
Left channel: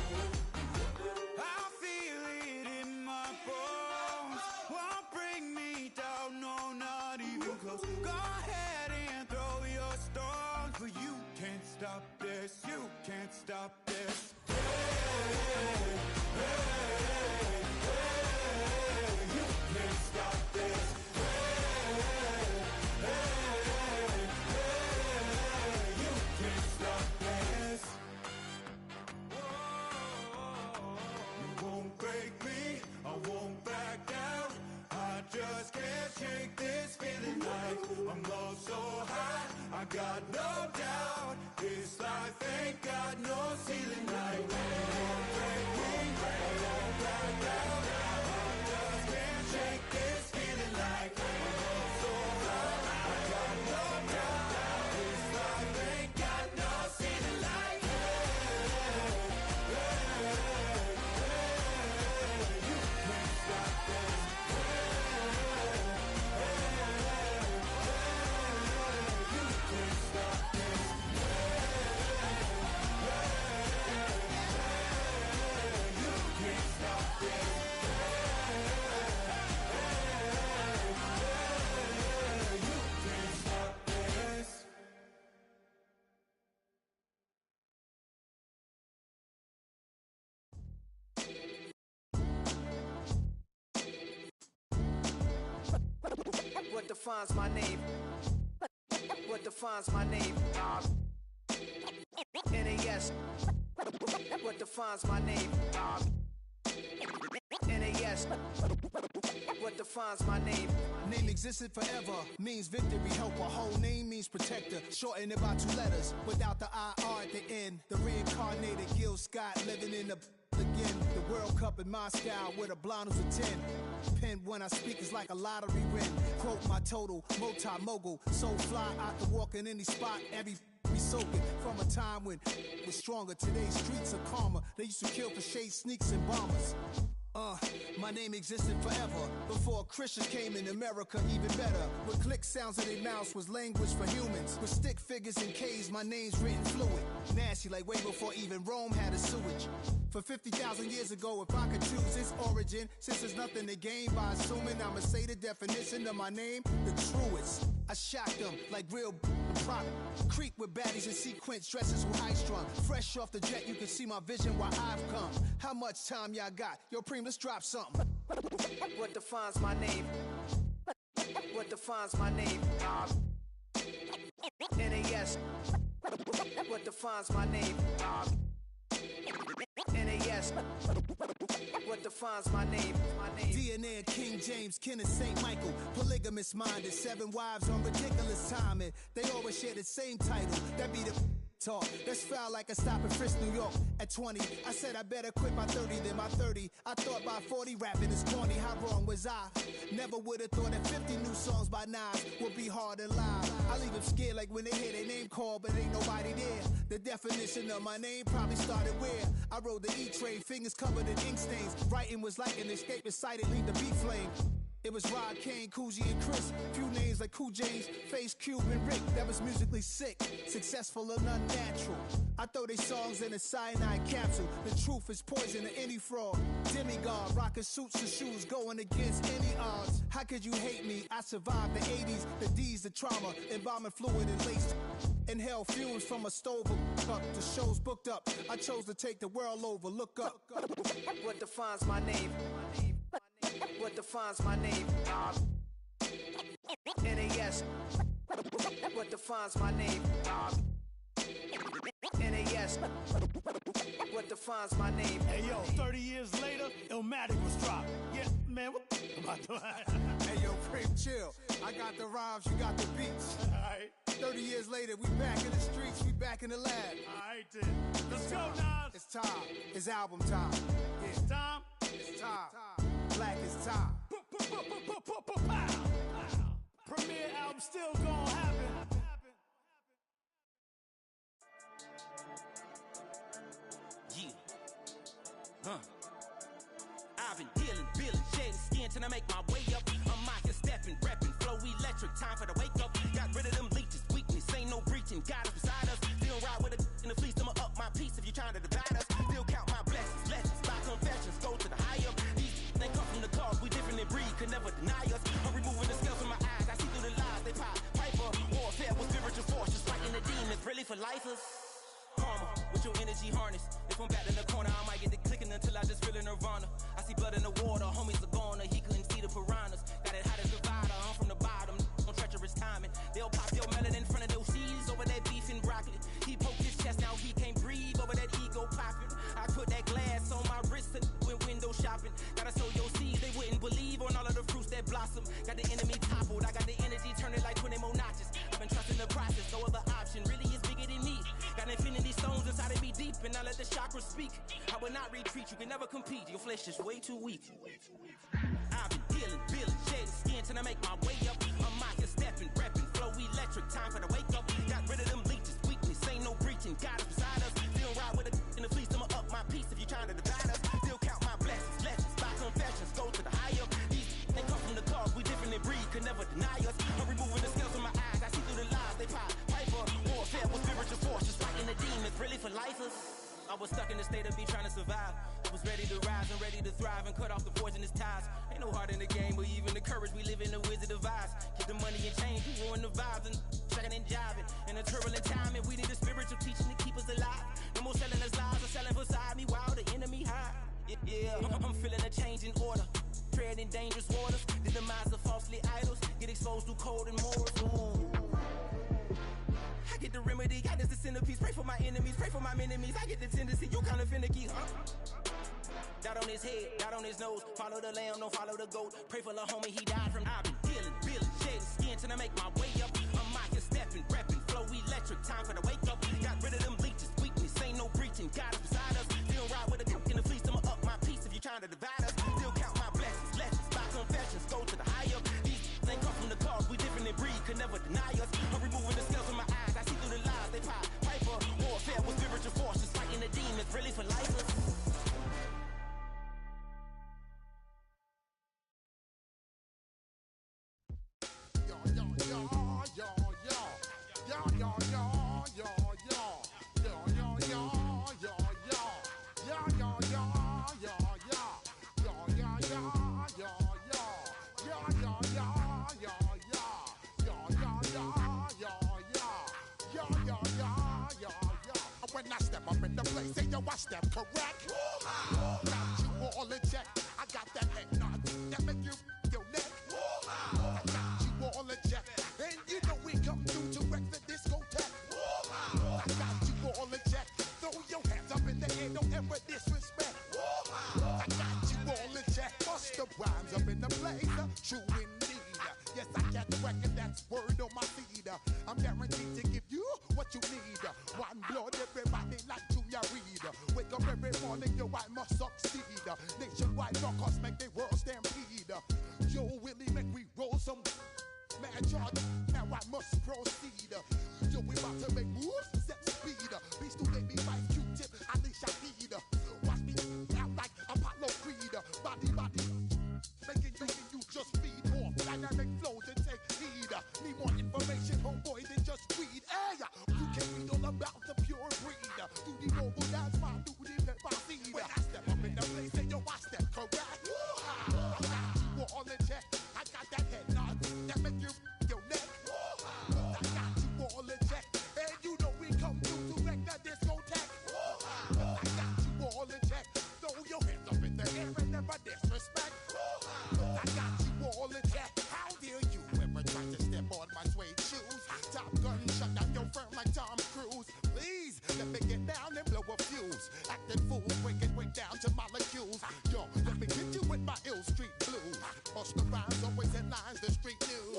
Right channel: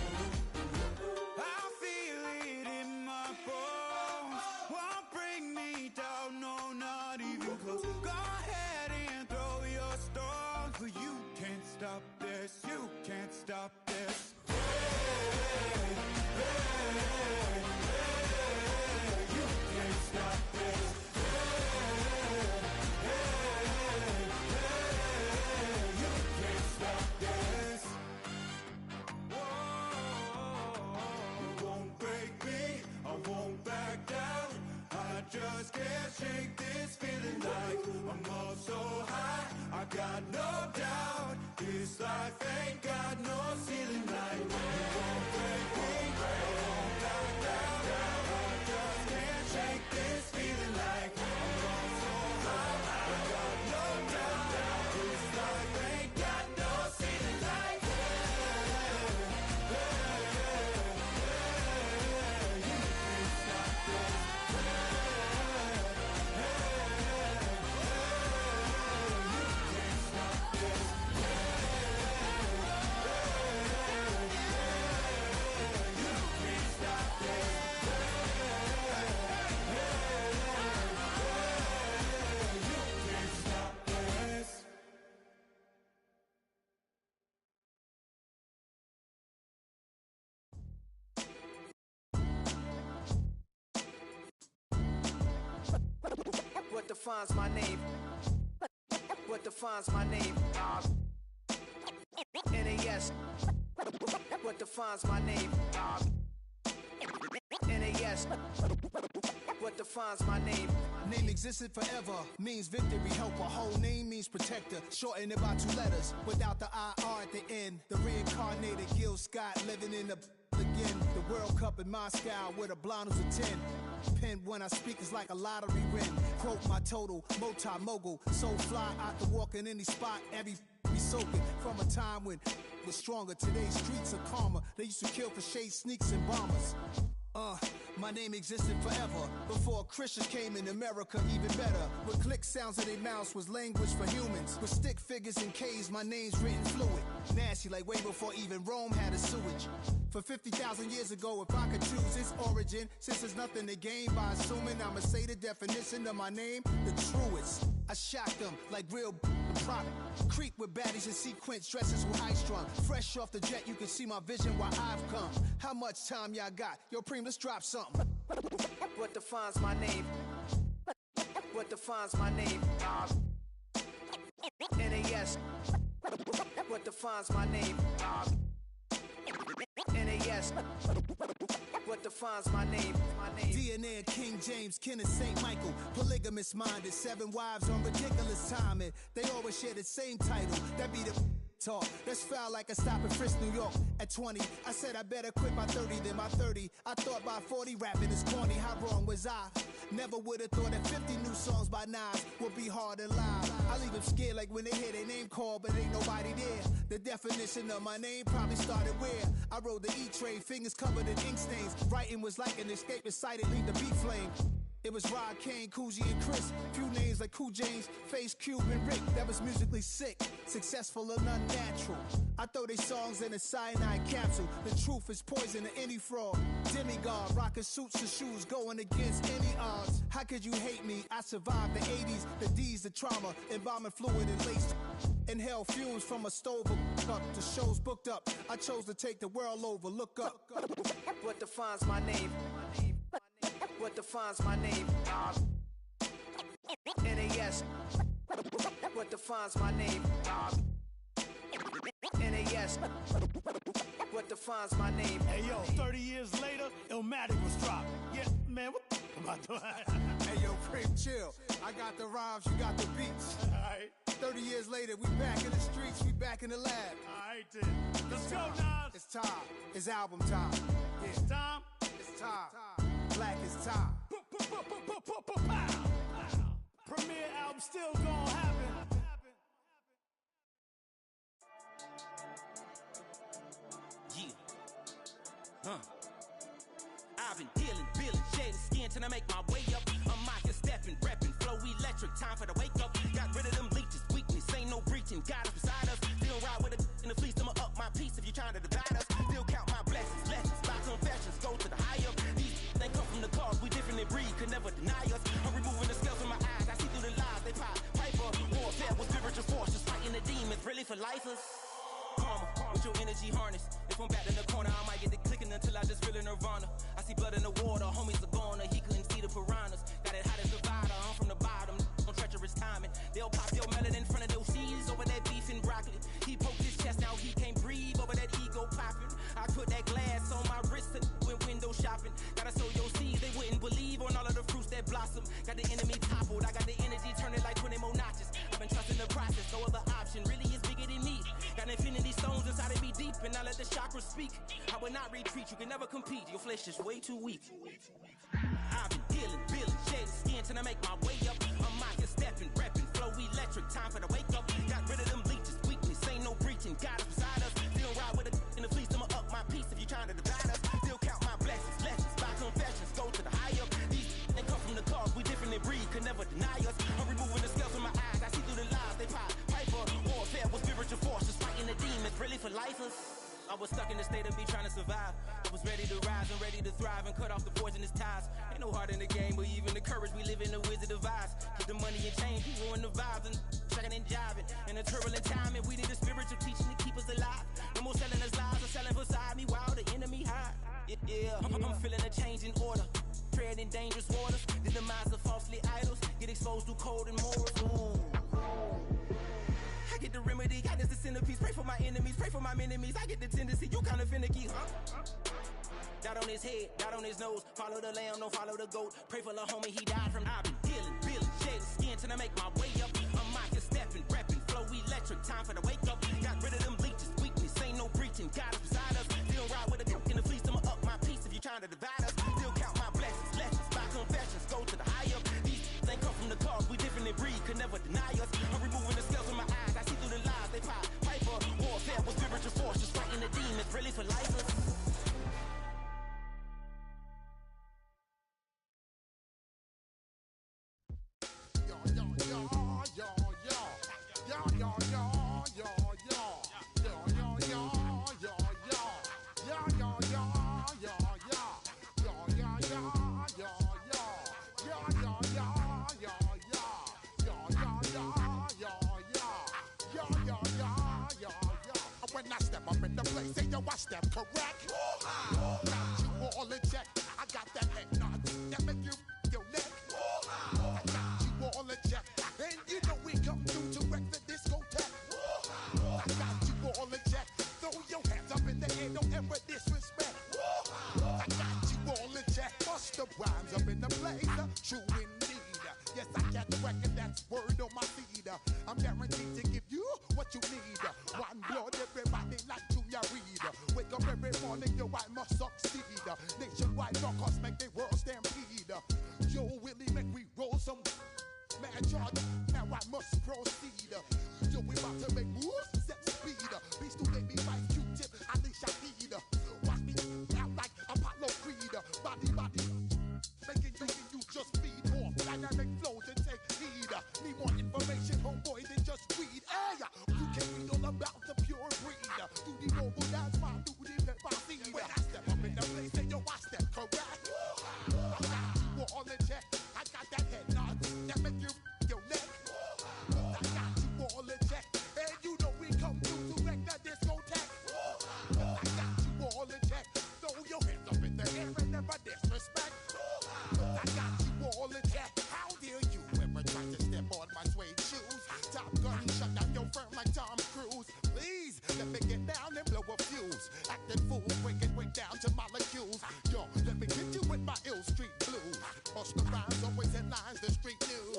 I feel it in my bones. Won't bring me down, no, not even close. Go ahead and throw your stones, but you can't stop this. You can't stop this. Hey, hey, hey, you can't stop this. Hey, hey, hey, you can't stop this. Whoa, you won't break me, I won't back down. I just can't shake this feeling like I'm up so high. I got no doubt this life ain't got no ceiling like. You won't break me, I won't back down. I just can't shake this feeling like I'm up so high. I got no doubt this life ain't got no ceiling like. Hey, hey, hey, you can't stop this. What defines my name? What defines my name? NAS. What defines my name? NAS. What defines my name? Name existed forever, means victory, helper. Whole name means protector, shorten it by 2 letters. Without the IR at the end, the reincarnated Gil Scott living in the again. The World Cup in Moscow with a blonde who's a 10. Pen when I speak is like a lottery win. Quote my total, multi-mogul. So fly out to walk in any spot, every be soaking. From a time when it was stronger, today's streets are calmer. They used to kill for shade sneaks and bombers. My name existed forever. Before Christians came in America, even better. With click sounds in their mouths was language for humans. With stick figures and K's, my name's written fluid. Nasty like way before even Rome had a sewage. For 50,000 years ago, if I could choose its origin, since there's nothing to gain by assuming, I'ma say the definition of my name, the truest. I shocked them like real prop. Creep with baddies in sequence, dresses with high strung. Fresh off the jet, you can see my vision where I've come. How much time y'all got? Yo, Preem, let's drop something. What defines my name? What defines my name? NAS. What defines my name? NAS. What defines my name? DNA of King James, kin of St. Michael. Polygamous minded, 7 wives on ridiculous timing. They always share the same title. That be the talk. That's foul like a stop in Frisk, New York. At 20, I said I better quit by 30 than by 30. I thought by 40 rapping is corny. How wrong was I? Never would have thought that 50 new songs by Nas would be hard to live. I leave them scared like when they hear their name called, but ain't nobody there. The definition of my name probably started where I rode the E-train, fingers covered in ink stains. Writing was like an escape excited, leave the beat flame. It was Rod, Kane, Coogee, and Chris. Few names like Cool James, Face, Cube, and Rick. That was musically sick, successful and unnatural. I throw they songs in a cyanide capsule. The truth is poison to any fraud. Demigod, rocking suits and shoes, going against any odds. How could you hate me? I survived the 80s, the D's, the trauma, embalming fluid and laced. Inhale fumes from a stove up. The show's booked up. I chose to take the world over. Look up. What defines my name? What defines my name? NAS. What defines my name? NAS. What defines my name? Hey yo, 30 years later, Illmatic was dropped. Yeah, man, what the am I doing? Hey yo, Prim, chill. I got the rhymes, you got the beats. Alright. 30 years later, we back in the streets, we back in the lab. Alright then. Let's go, Nas. It's time. It's album time. Yeah. It's time. It's time. Black is time. Premiere album still gonna happen. Yeah. I've been dealing, shading skin till I make my way up. I'm out time for the wake up. Got rid of them leeches, weakness, ain't no breaching. God is beside us. Still ride with a in the fleece, I'ma up my piece if you trying to divide us. Still count my blessings, lessons, by confessions, go to the higher. These they come from the cause, we different in breed, could never deny us. I'm removing the scales from my eyes, I see through the lies, they pop. Piper, warfare with spiritual force, just fighting the demons, really for lifers. Karma, with your energy harness. If I'm back in the corner, I might get the clicking until I just feel a nirvana. I see blood in the water, homies are gone, he couldn't see the piranhas. Got it hot as a divider, I'm from the bottom, on treacherous timing. They'll pop your melon in front of those seeds over that beef and broccoli. He poked his chest, now he can't breathe over that ego popping. I put that glass on my wrist and went window shopping. Gotta sow your seeds, they wouldn't believe on all of the fruits that blossom. Got the enemy toppled, I got the energy turning like 20 more notches. I've been trusting the process, no other option really is bigger than me. Got infinity stones inside of me deep, and I let the chakras speak. I will not retreat, you can never compete, your flesh is way too weak. I've been dealing, shading skin till I make my way up. I'm mocking, stepping, repping, flow electric, time for the wake up. Got rid of them leeches, weakness, ain't no breaching, God is beside us. Still ride with a in the fleece, I'ma up my piece if you trying to divide us. Still count my blessings, lessons, by confessions, go to the higher. These they come from the cause, we different in breed, could never deny us. I'm removing the scales from my eyes, I see through the lies, they pop. Piper, warfare with spiritual force, just fighting the demons, really for lifers. I was stuck in the state of me trying to survive. I was ready to rise and ready to thrive and cut off the poisonous ties. Ain't no heart in the game, but even the courage we live in the Wizard of Oz. Get the money and change, we ruin the vibes and checking and jiving. In a turbulent time, and we need a spiritual teaching to keep us alive. No more selling us lies or selling beside me while the enemy hide. Yeah, I'm feeling a change in order. Treading dangerous waters. The demise of falsely idols. Get exposed through cold and morals. Ooh. I get the remedy, God is the centerpiece. Pray for my enemies, pray for my enemies. I get the tendency, you kinda finicky, huh? Dot on his head, dot on his nose. Follow the lamb, don't follow the goat. Pray for the homie, he died from. I've been dealing, shedding skin till I make my way up. I'm mocking, stepping, repping, flow electric, time for the wake up. Got rid of them leeches, weakness, ain't no breaching. God is beside us. Still ride with a cook in the fleece, I'ma up my piece if you trying to divide us. Still count my blessings, lessons, by confessions, go to the higher. These ain't come from the cause, we different in breed, could never deny us. I'm removing the scales from my eyes, I see through the lies, they pop. Piper, warfare with spiritual force, just fighting the demons, really for lifers. When I step up in the place, say yo, I step correct. Got you all in check. I got that head nod that make you your neck. I got you all in check, and you know we come through to wreck the discotheque. I got you all in check. Throw your hands up in the air, don't ever disrespect. I got you all in check. Bust the rhymes up in the place, true indeed. Yes, I get the record, that's word on my feed. I'm guaranteed to give you what you need. One blood, everybody like Junior Reed. Wake up every morning, yo, I must succeed. Nationwide rockers make the world stampede. Yo, Willie, make we roll some mad charge. Now I must proceed. Yo, we about to make moves, set speed. Beast to make me fight Q-tip, I need Shahid. Watch me out like Apollo Creed. Body, making you just feed off dynamic flows and take heed. Need more information, homeboy, than just read. Hey, you can read all about the pure breed. Do the noble dance, my duty, let my seed. When I step up in the place, say yo, I step correct. I got you all in check. I got that head nod that make you your neck. I got you all in check, and you know we come through to wreck the discotheque. I got you all in check. Throw your hands up in the air and never disrespect. I got you all in check. How dare you ever try to step on my suede shoes? Top Gun shut down your firm like Tom Cruise. Please let me get down and blow a fuse. Acting fool, breaking way down to molecules. Yo, let me get you with my ill street blues. Bust the rhymes, always headlines, the street news.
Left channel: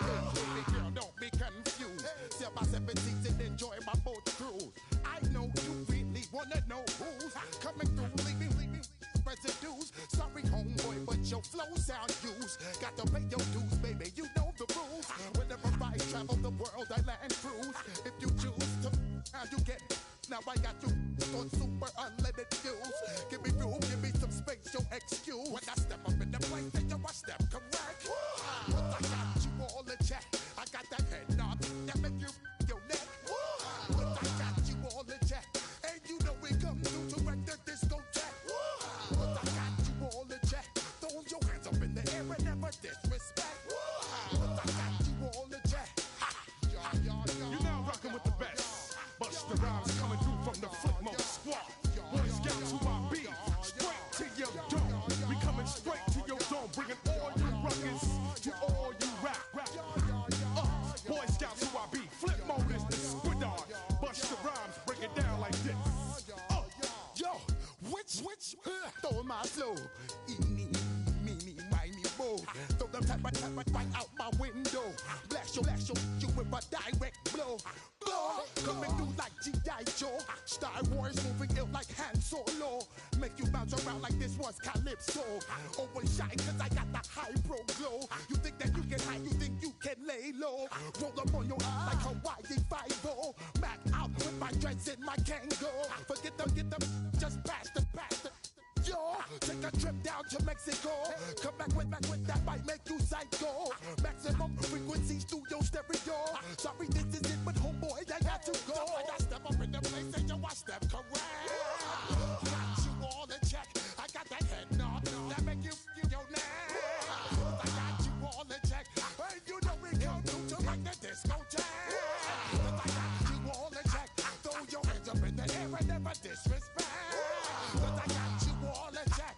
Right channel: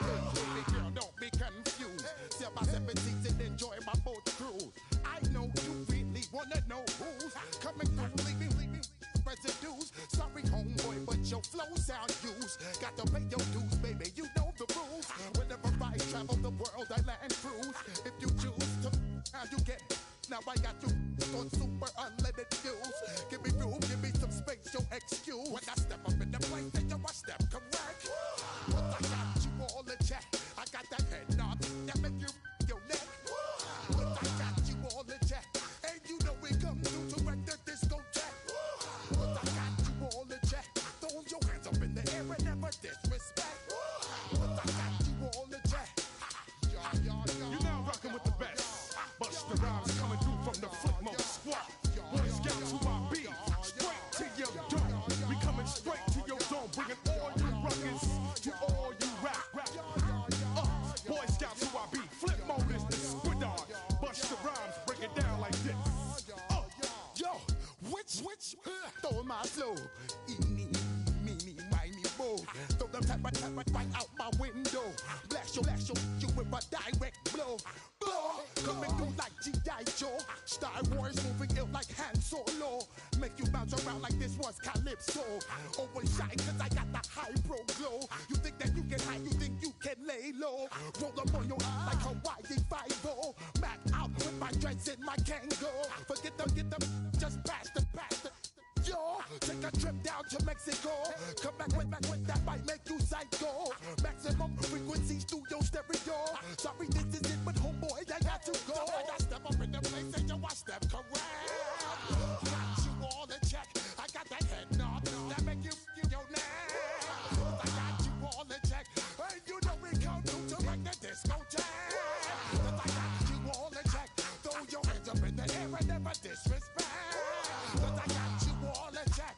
Hey, baby girl, don't be confused. Sell my 17s and enjoy my boat cruise. I know you really wanna know who's coming through, leaving residues. Sorry, homeboy, but your flow sound used. Got to pay your dues, baby, you know the rules. Whenever I travel the world, I land cruise. If you choose to, how you get. Now I got you on super unleaded fuels. Give me room, give me some space, your excuse. When I step up in the place, then yo, I step correct. But I got you all in check. right out my window. Blast you with a direct blow. Coming through like G.I. Joe. Star Wars moving ill like Han Solo. Make you bounce around like this was Calypso. Always shine cause I got the high pro glow. You think that you can hide, you think you can lay low. Roll up on your eye like Hawaii 5-0. Back out with my dreads in my Kango. Forget them, just pass the. Yo, take a trip down to Mexico. Come back with that might make you psycho. Maximum frequency studio stereo. Sorry, this is it, but homeboy, I got to go. I got step up in the place and you watch step correct. Got you all in check. I got that head nod that make you feel your neck. I got you all in check. And you know we come through to make the disco jack. I got you all in check. Throw your hands up in the air and never disrespect. Cause I got you all in check.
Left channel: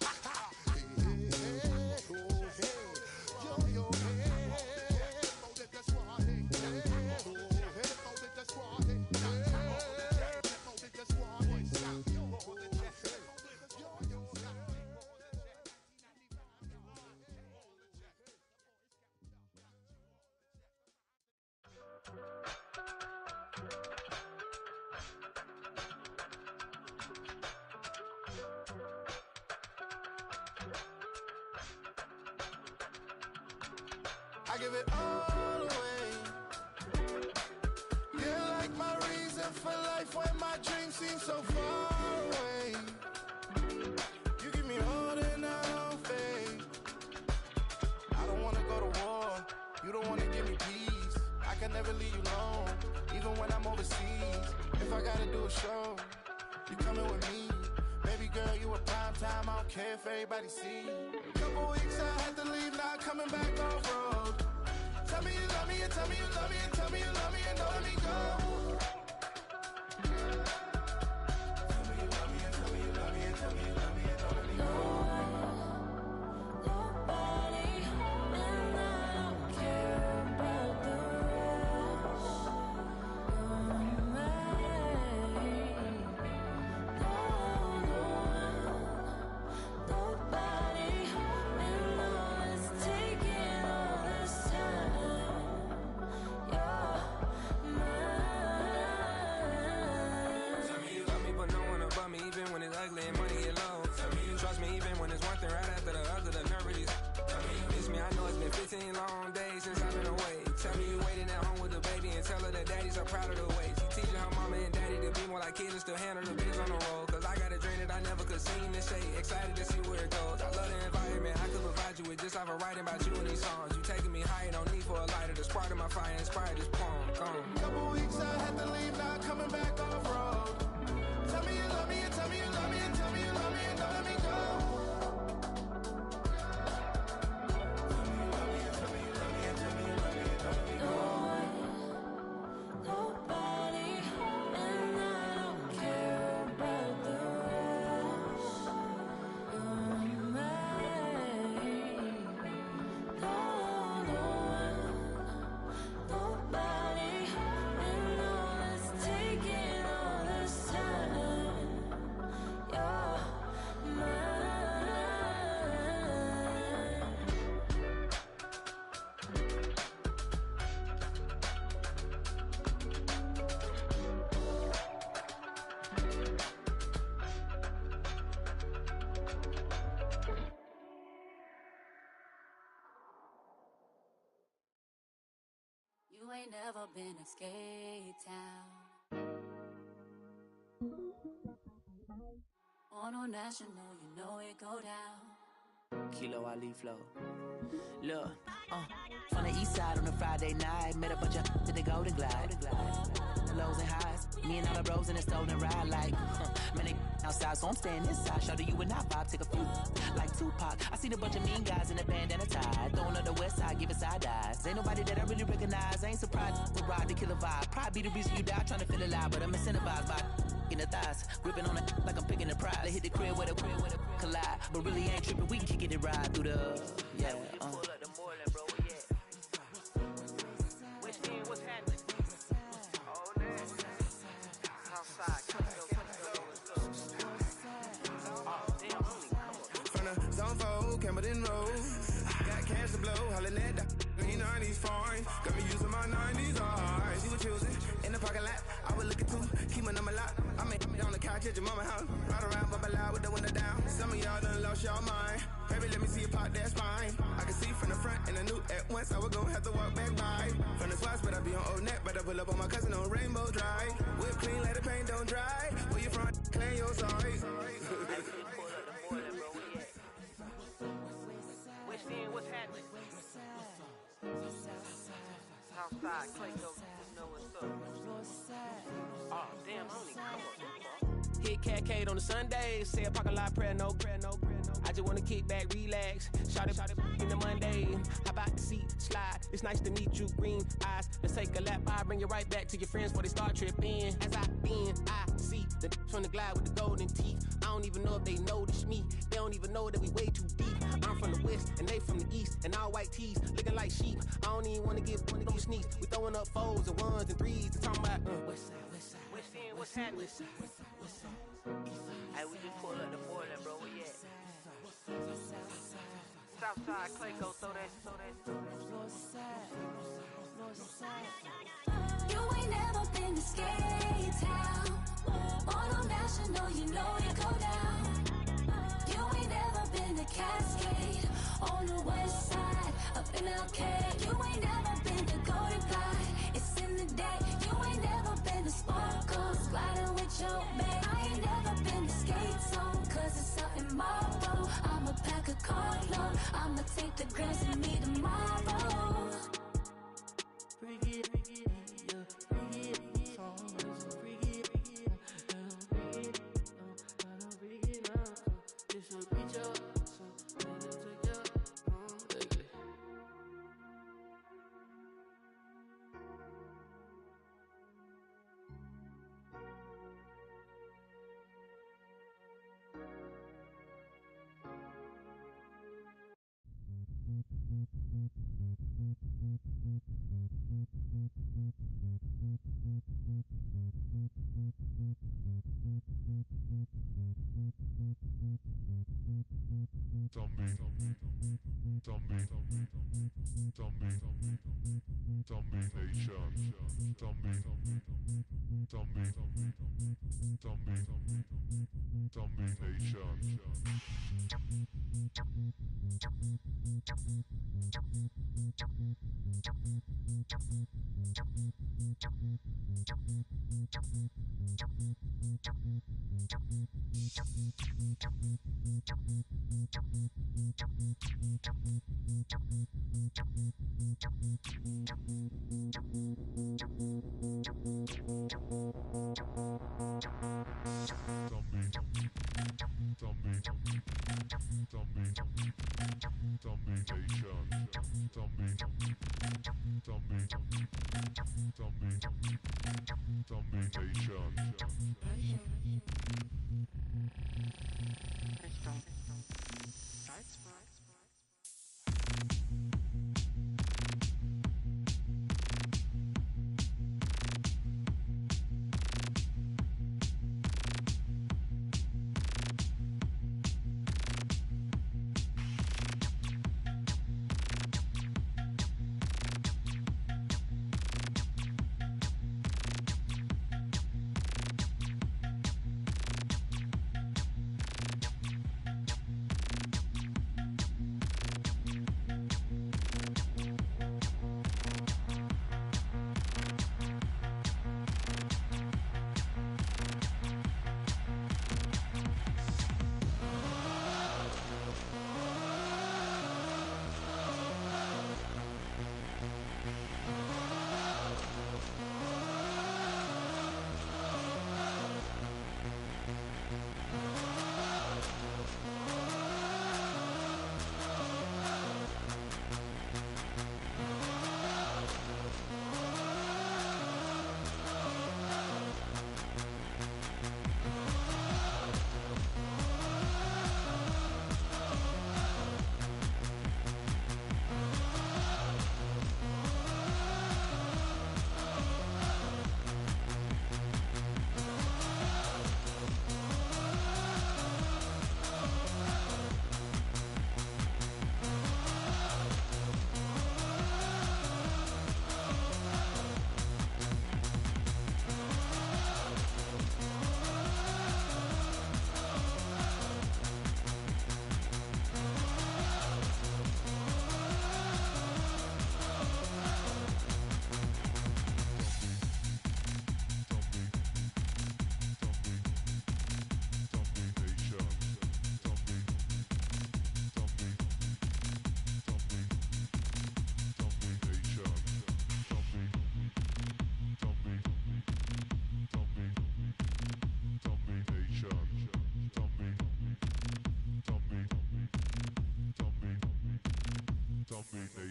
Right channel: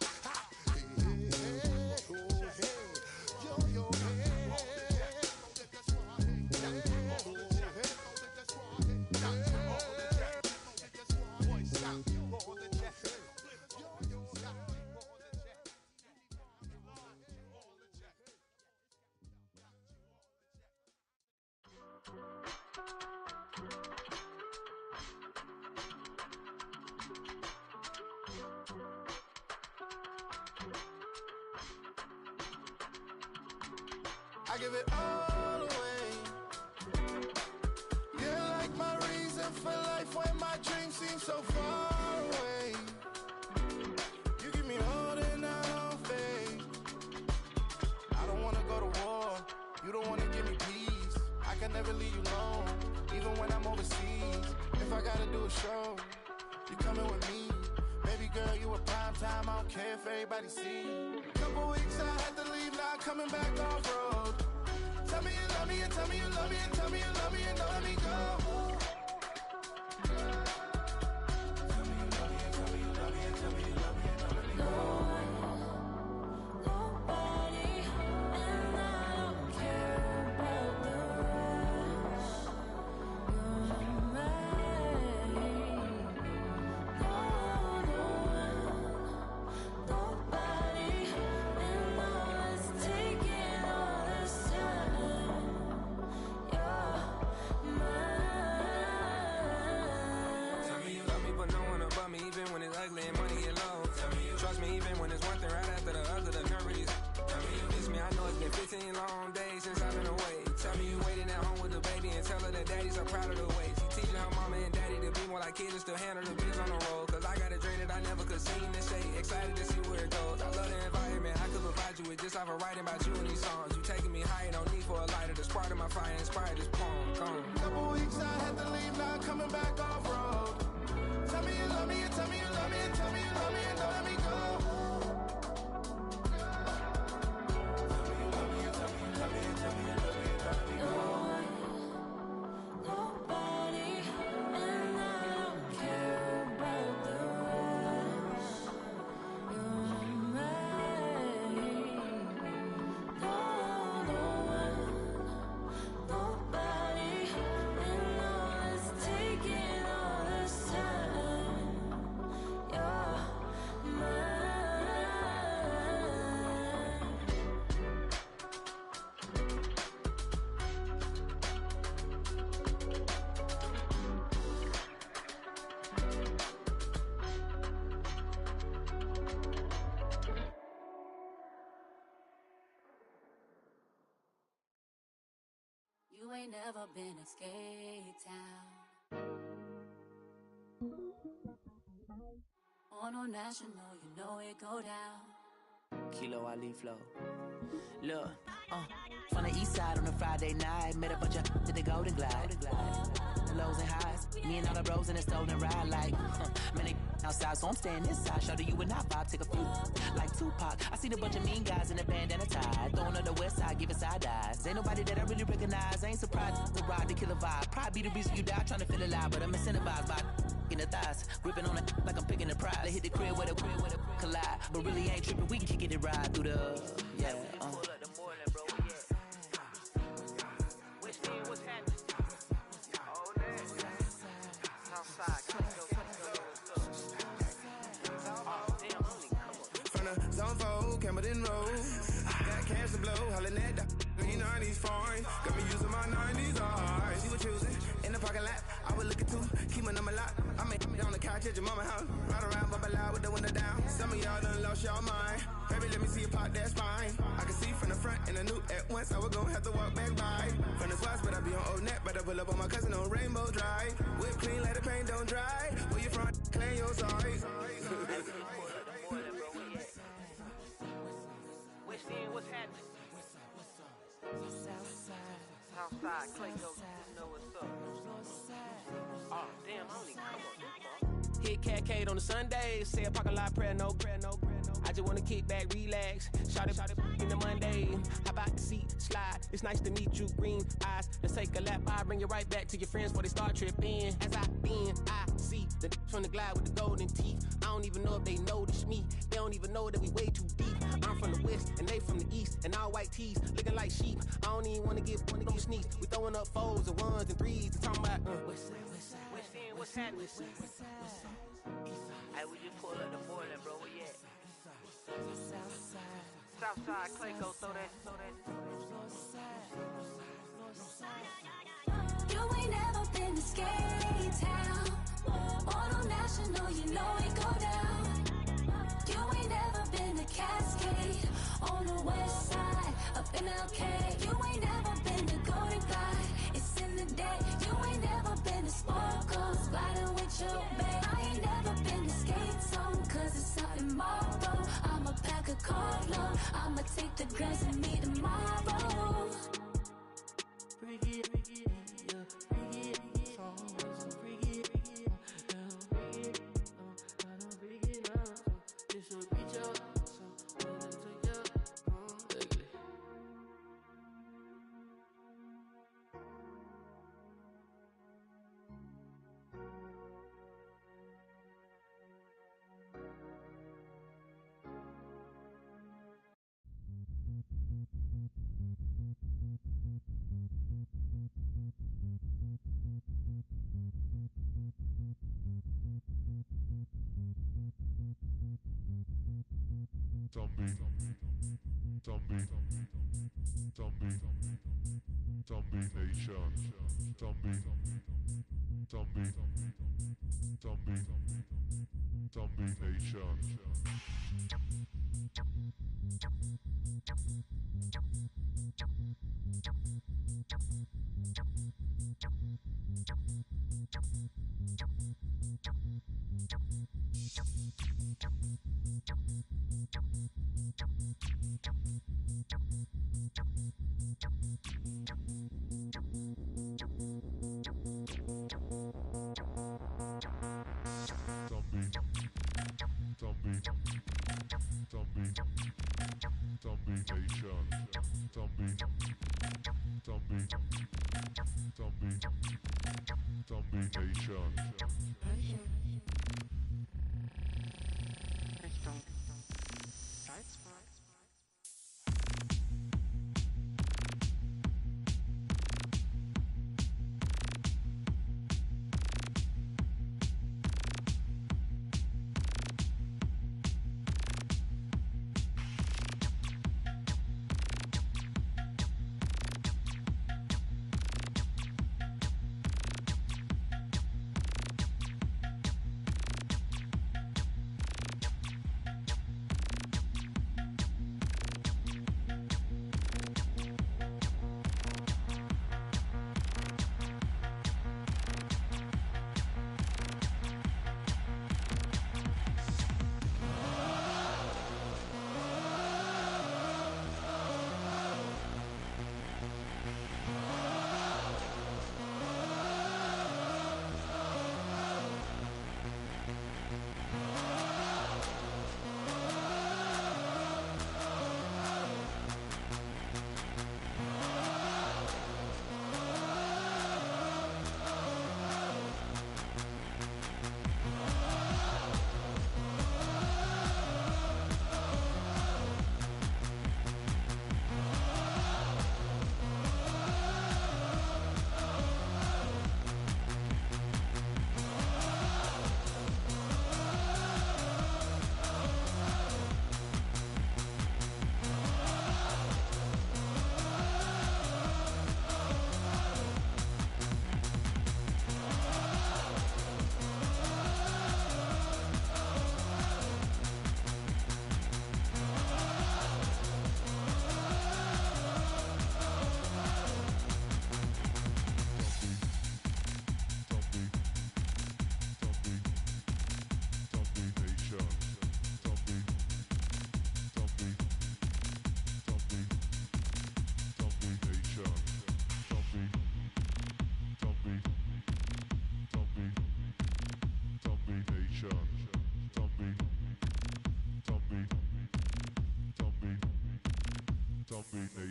I give it all away. You're like my reason for life when my dreams seem so far away. You give me all and I don't fade. I don't wanna go to war. You don't wanna give me peace. I can never leave you alone, even when I'm overseas. If I gotta do a show, you coming with me. Baby girl, you a prime time. I don't care if everybody see. Couple weeks I had to leave, now coming back off road. Tell me you love me and tell me you love me and tell me you love me and don't let me go. Tell me you love me and tell me you love me and tell me you love me and don't let me go. Nobody, and I don't care about the rest. You're mine. Nobody, and all is taking all this time. You're mine. Tell me you love me, but no one above me, even when it's ugly and money get low. Trust me, even when it's one thing right after the other, the nerve of these. Miss me, I know it's been 15 long days since I've been away. Tell me you waiting at home with the baby and tell her that daddy's so proud of the way. She teaching her mama and daddy to be more like kids and still handle the biz on the road. Cause I got a dream that I never could sing to say. Excited to see where it goes. I love the environment I could provide you with just off of writing about you in these songs. You taking me higher, no need for a lighter. The spark of my fire inspired this poem. Gone. Couple weeks I had to leave, now coming back off road. Tell me you love me and tell me you love me and tell me you love me and don't let me go. Nobody, and I don't care about the rest. You're mine. Nobody, and all is taking all this time. You're mine. You ain't never been in Skate Town. On national, you know it go down. Kilo Ali Flow. Look, from the east side on a Friday night, met a bunch of to the Golden Glide. The lows and highs, me and all the bros in a stolen ride like, man, they outside, so I'm staying inside. Show you and I vibe, take a few, like Tupac. I seen a bunch of mean guys in a bandana tie, throwing up the west side, giving side eyes. Ain't nobody that I really recognize, I ain't surprised to ride the killer vibe. Probably be the reason you die, trying to feel alive, but I'm incentivized by in the thighs, gripping on it like I'm picking the prize. They hit the crib with a collide, but really ain't tripping. We can kick it and ride through the yeah. From the zone 4, Campbellton Road. Got cash to blow, hollin' at that. 90s foreign, got me using my 90s eyes. She was choosing in the parking lot. I was looking too, keep my number locked. I made on the couch at your mama house. Ride around, bubble loud with the window down. Some of y'all done lost y'all mind. Baby, let me see you pop that spine. I can see from the front and I knew at once I was gonna have to walk back by. From the spots, but I be on Old Net. But I pull up on my cousin on Rainbow Drive. Whip clean, let the paint don't dry. Where you from? Claim your sorry. What's happening? Southside, Clayco, you know what's up. Oh, damn, I don't even come up. Hit Catcade on the Sundays, say a parking lot prayer, no. I just wanna kick back, relax, shout it in the Monday. How about the seat, slide, it's nice to meet you, green eyes. Let's take a lap, I bring you right back to your friends before they start tripping. As I see the from the glide with the golden teeth. I don't even know if they notice me, they don't even know that we way too deep. I'm from the west, and they from the east, and all white tees, looking like sheep. I don't even wanna get one of them sneaks. We throwing up fours and ones and threes, and talking about West End, what's happening? Hey, we just pulled up the Portland, bro, where you at? Southside, Clayco, throw that. You ain't never been to Skate Town. On National, you know it go down. You ain't never been to Cascade. On the west side, up in LK. You ain't never been to Golden Glide. It's in the day. You ain't never been to Sparkles. Gliding with your babe. I ain't never been to Skate Zone. Cause it's out in Marlboro. I'ma pack a carload. I'ma take the grass and meet tomorrow. Bring it, yeah, bring it, so bring it, bring it, I don't bring it up, this will reach up, so let it take up, ugly.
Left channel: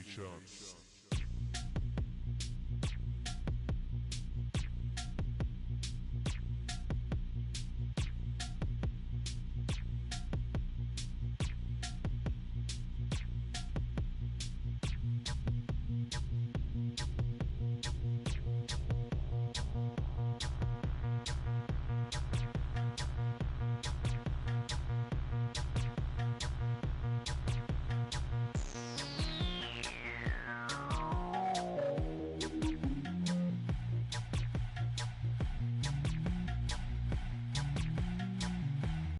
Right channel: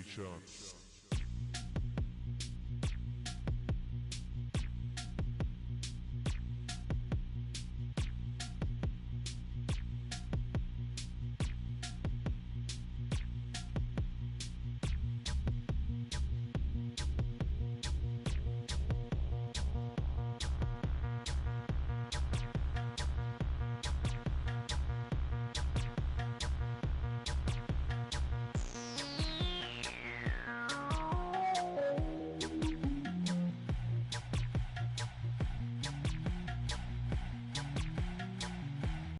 shots.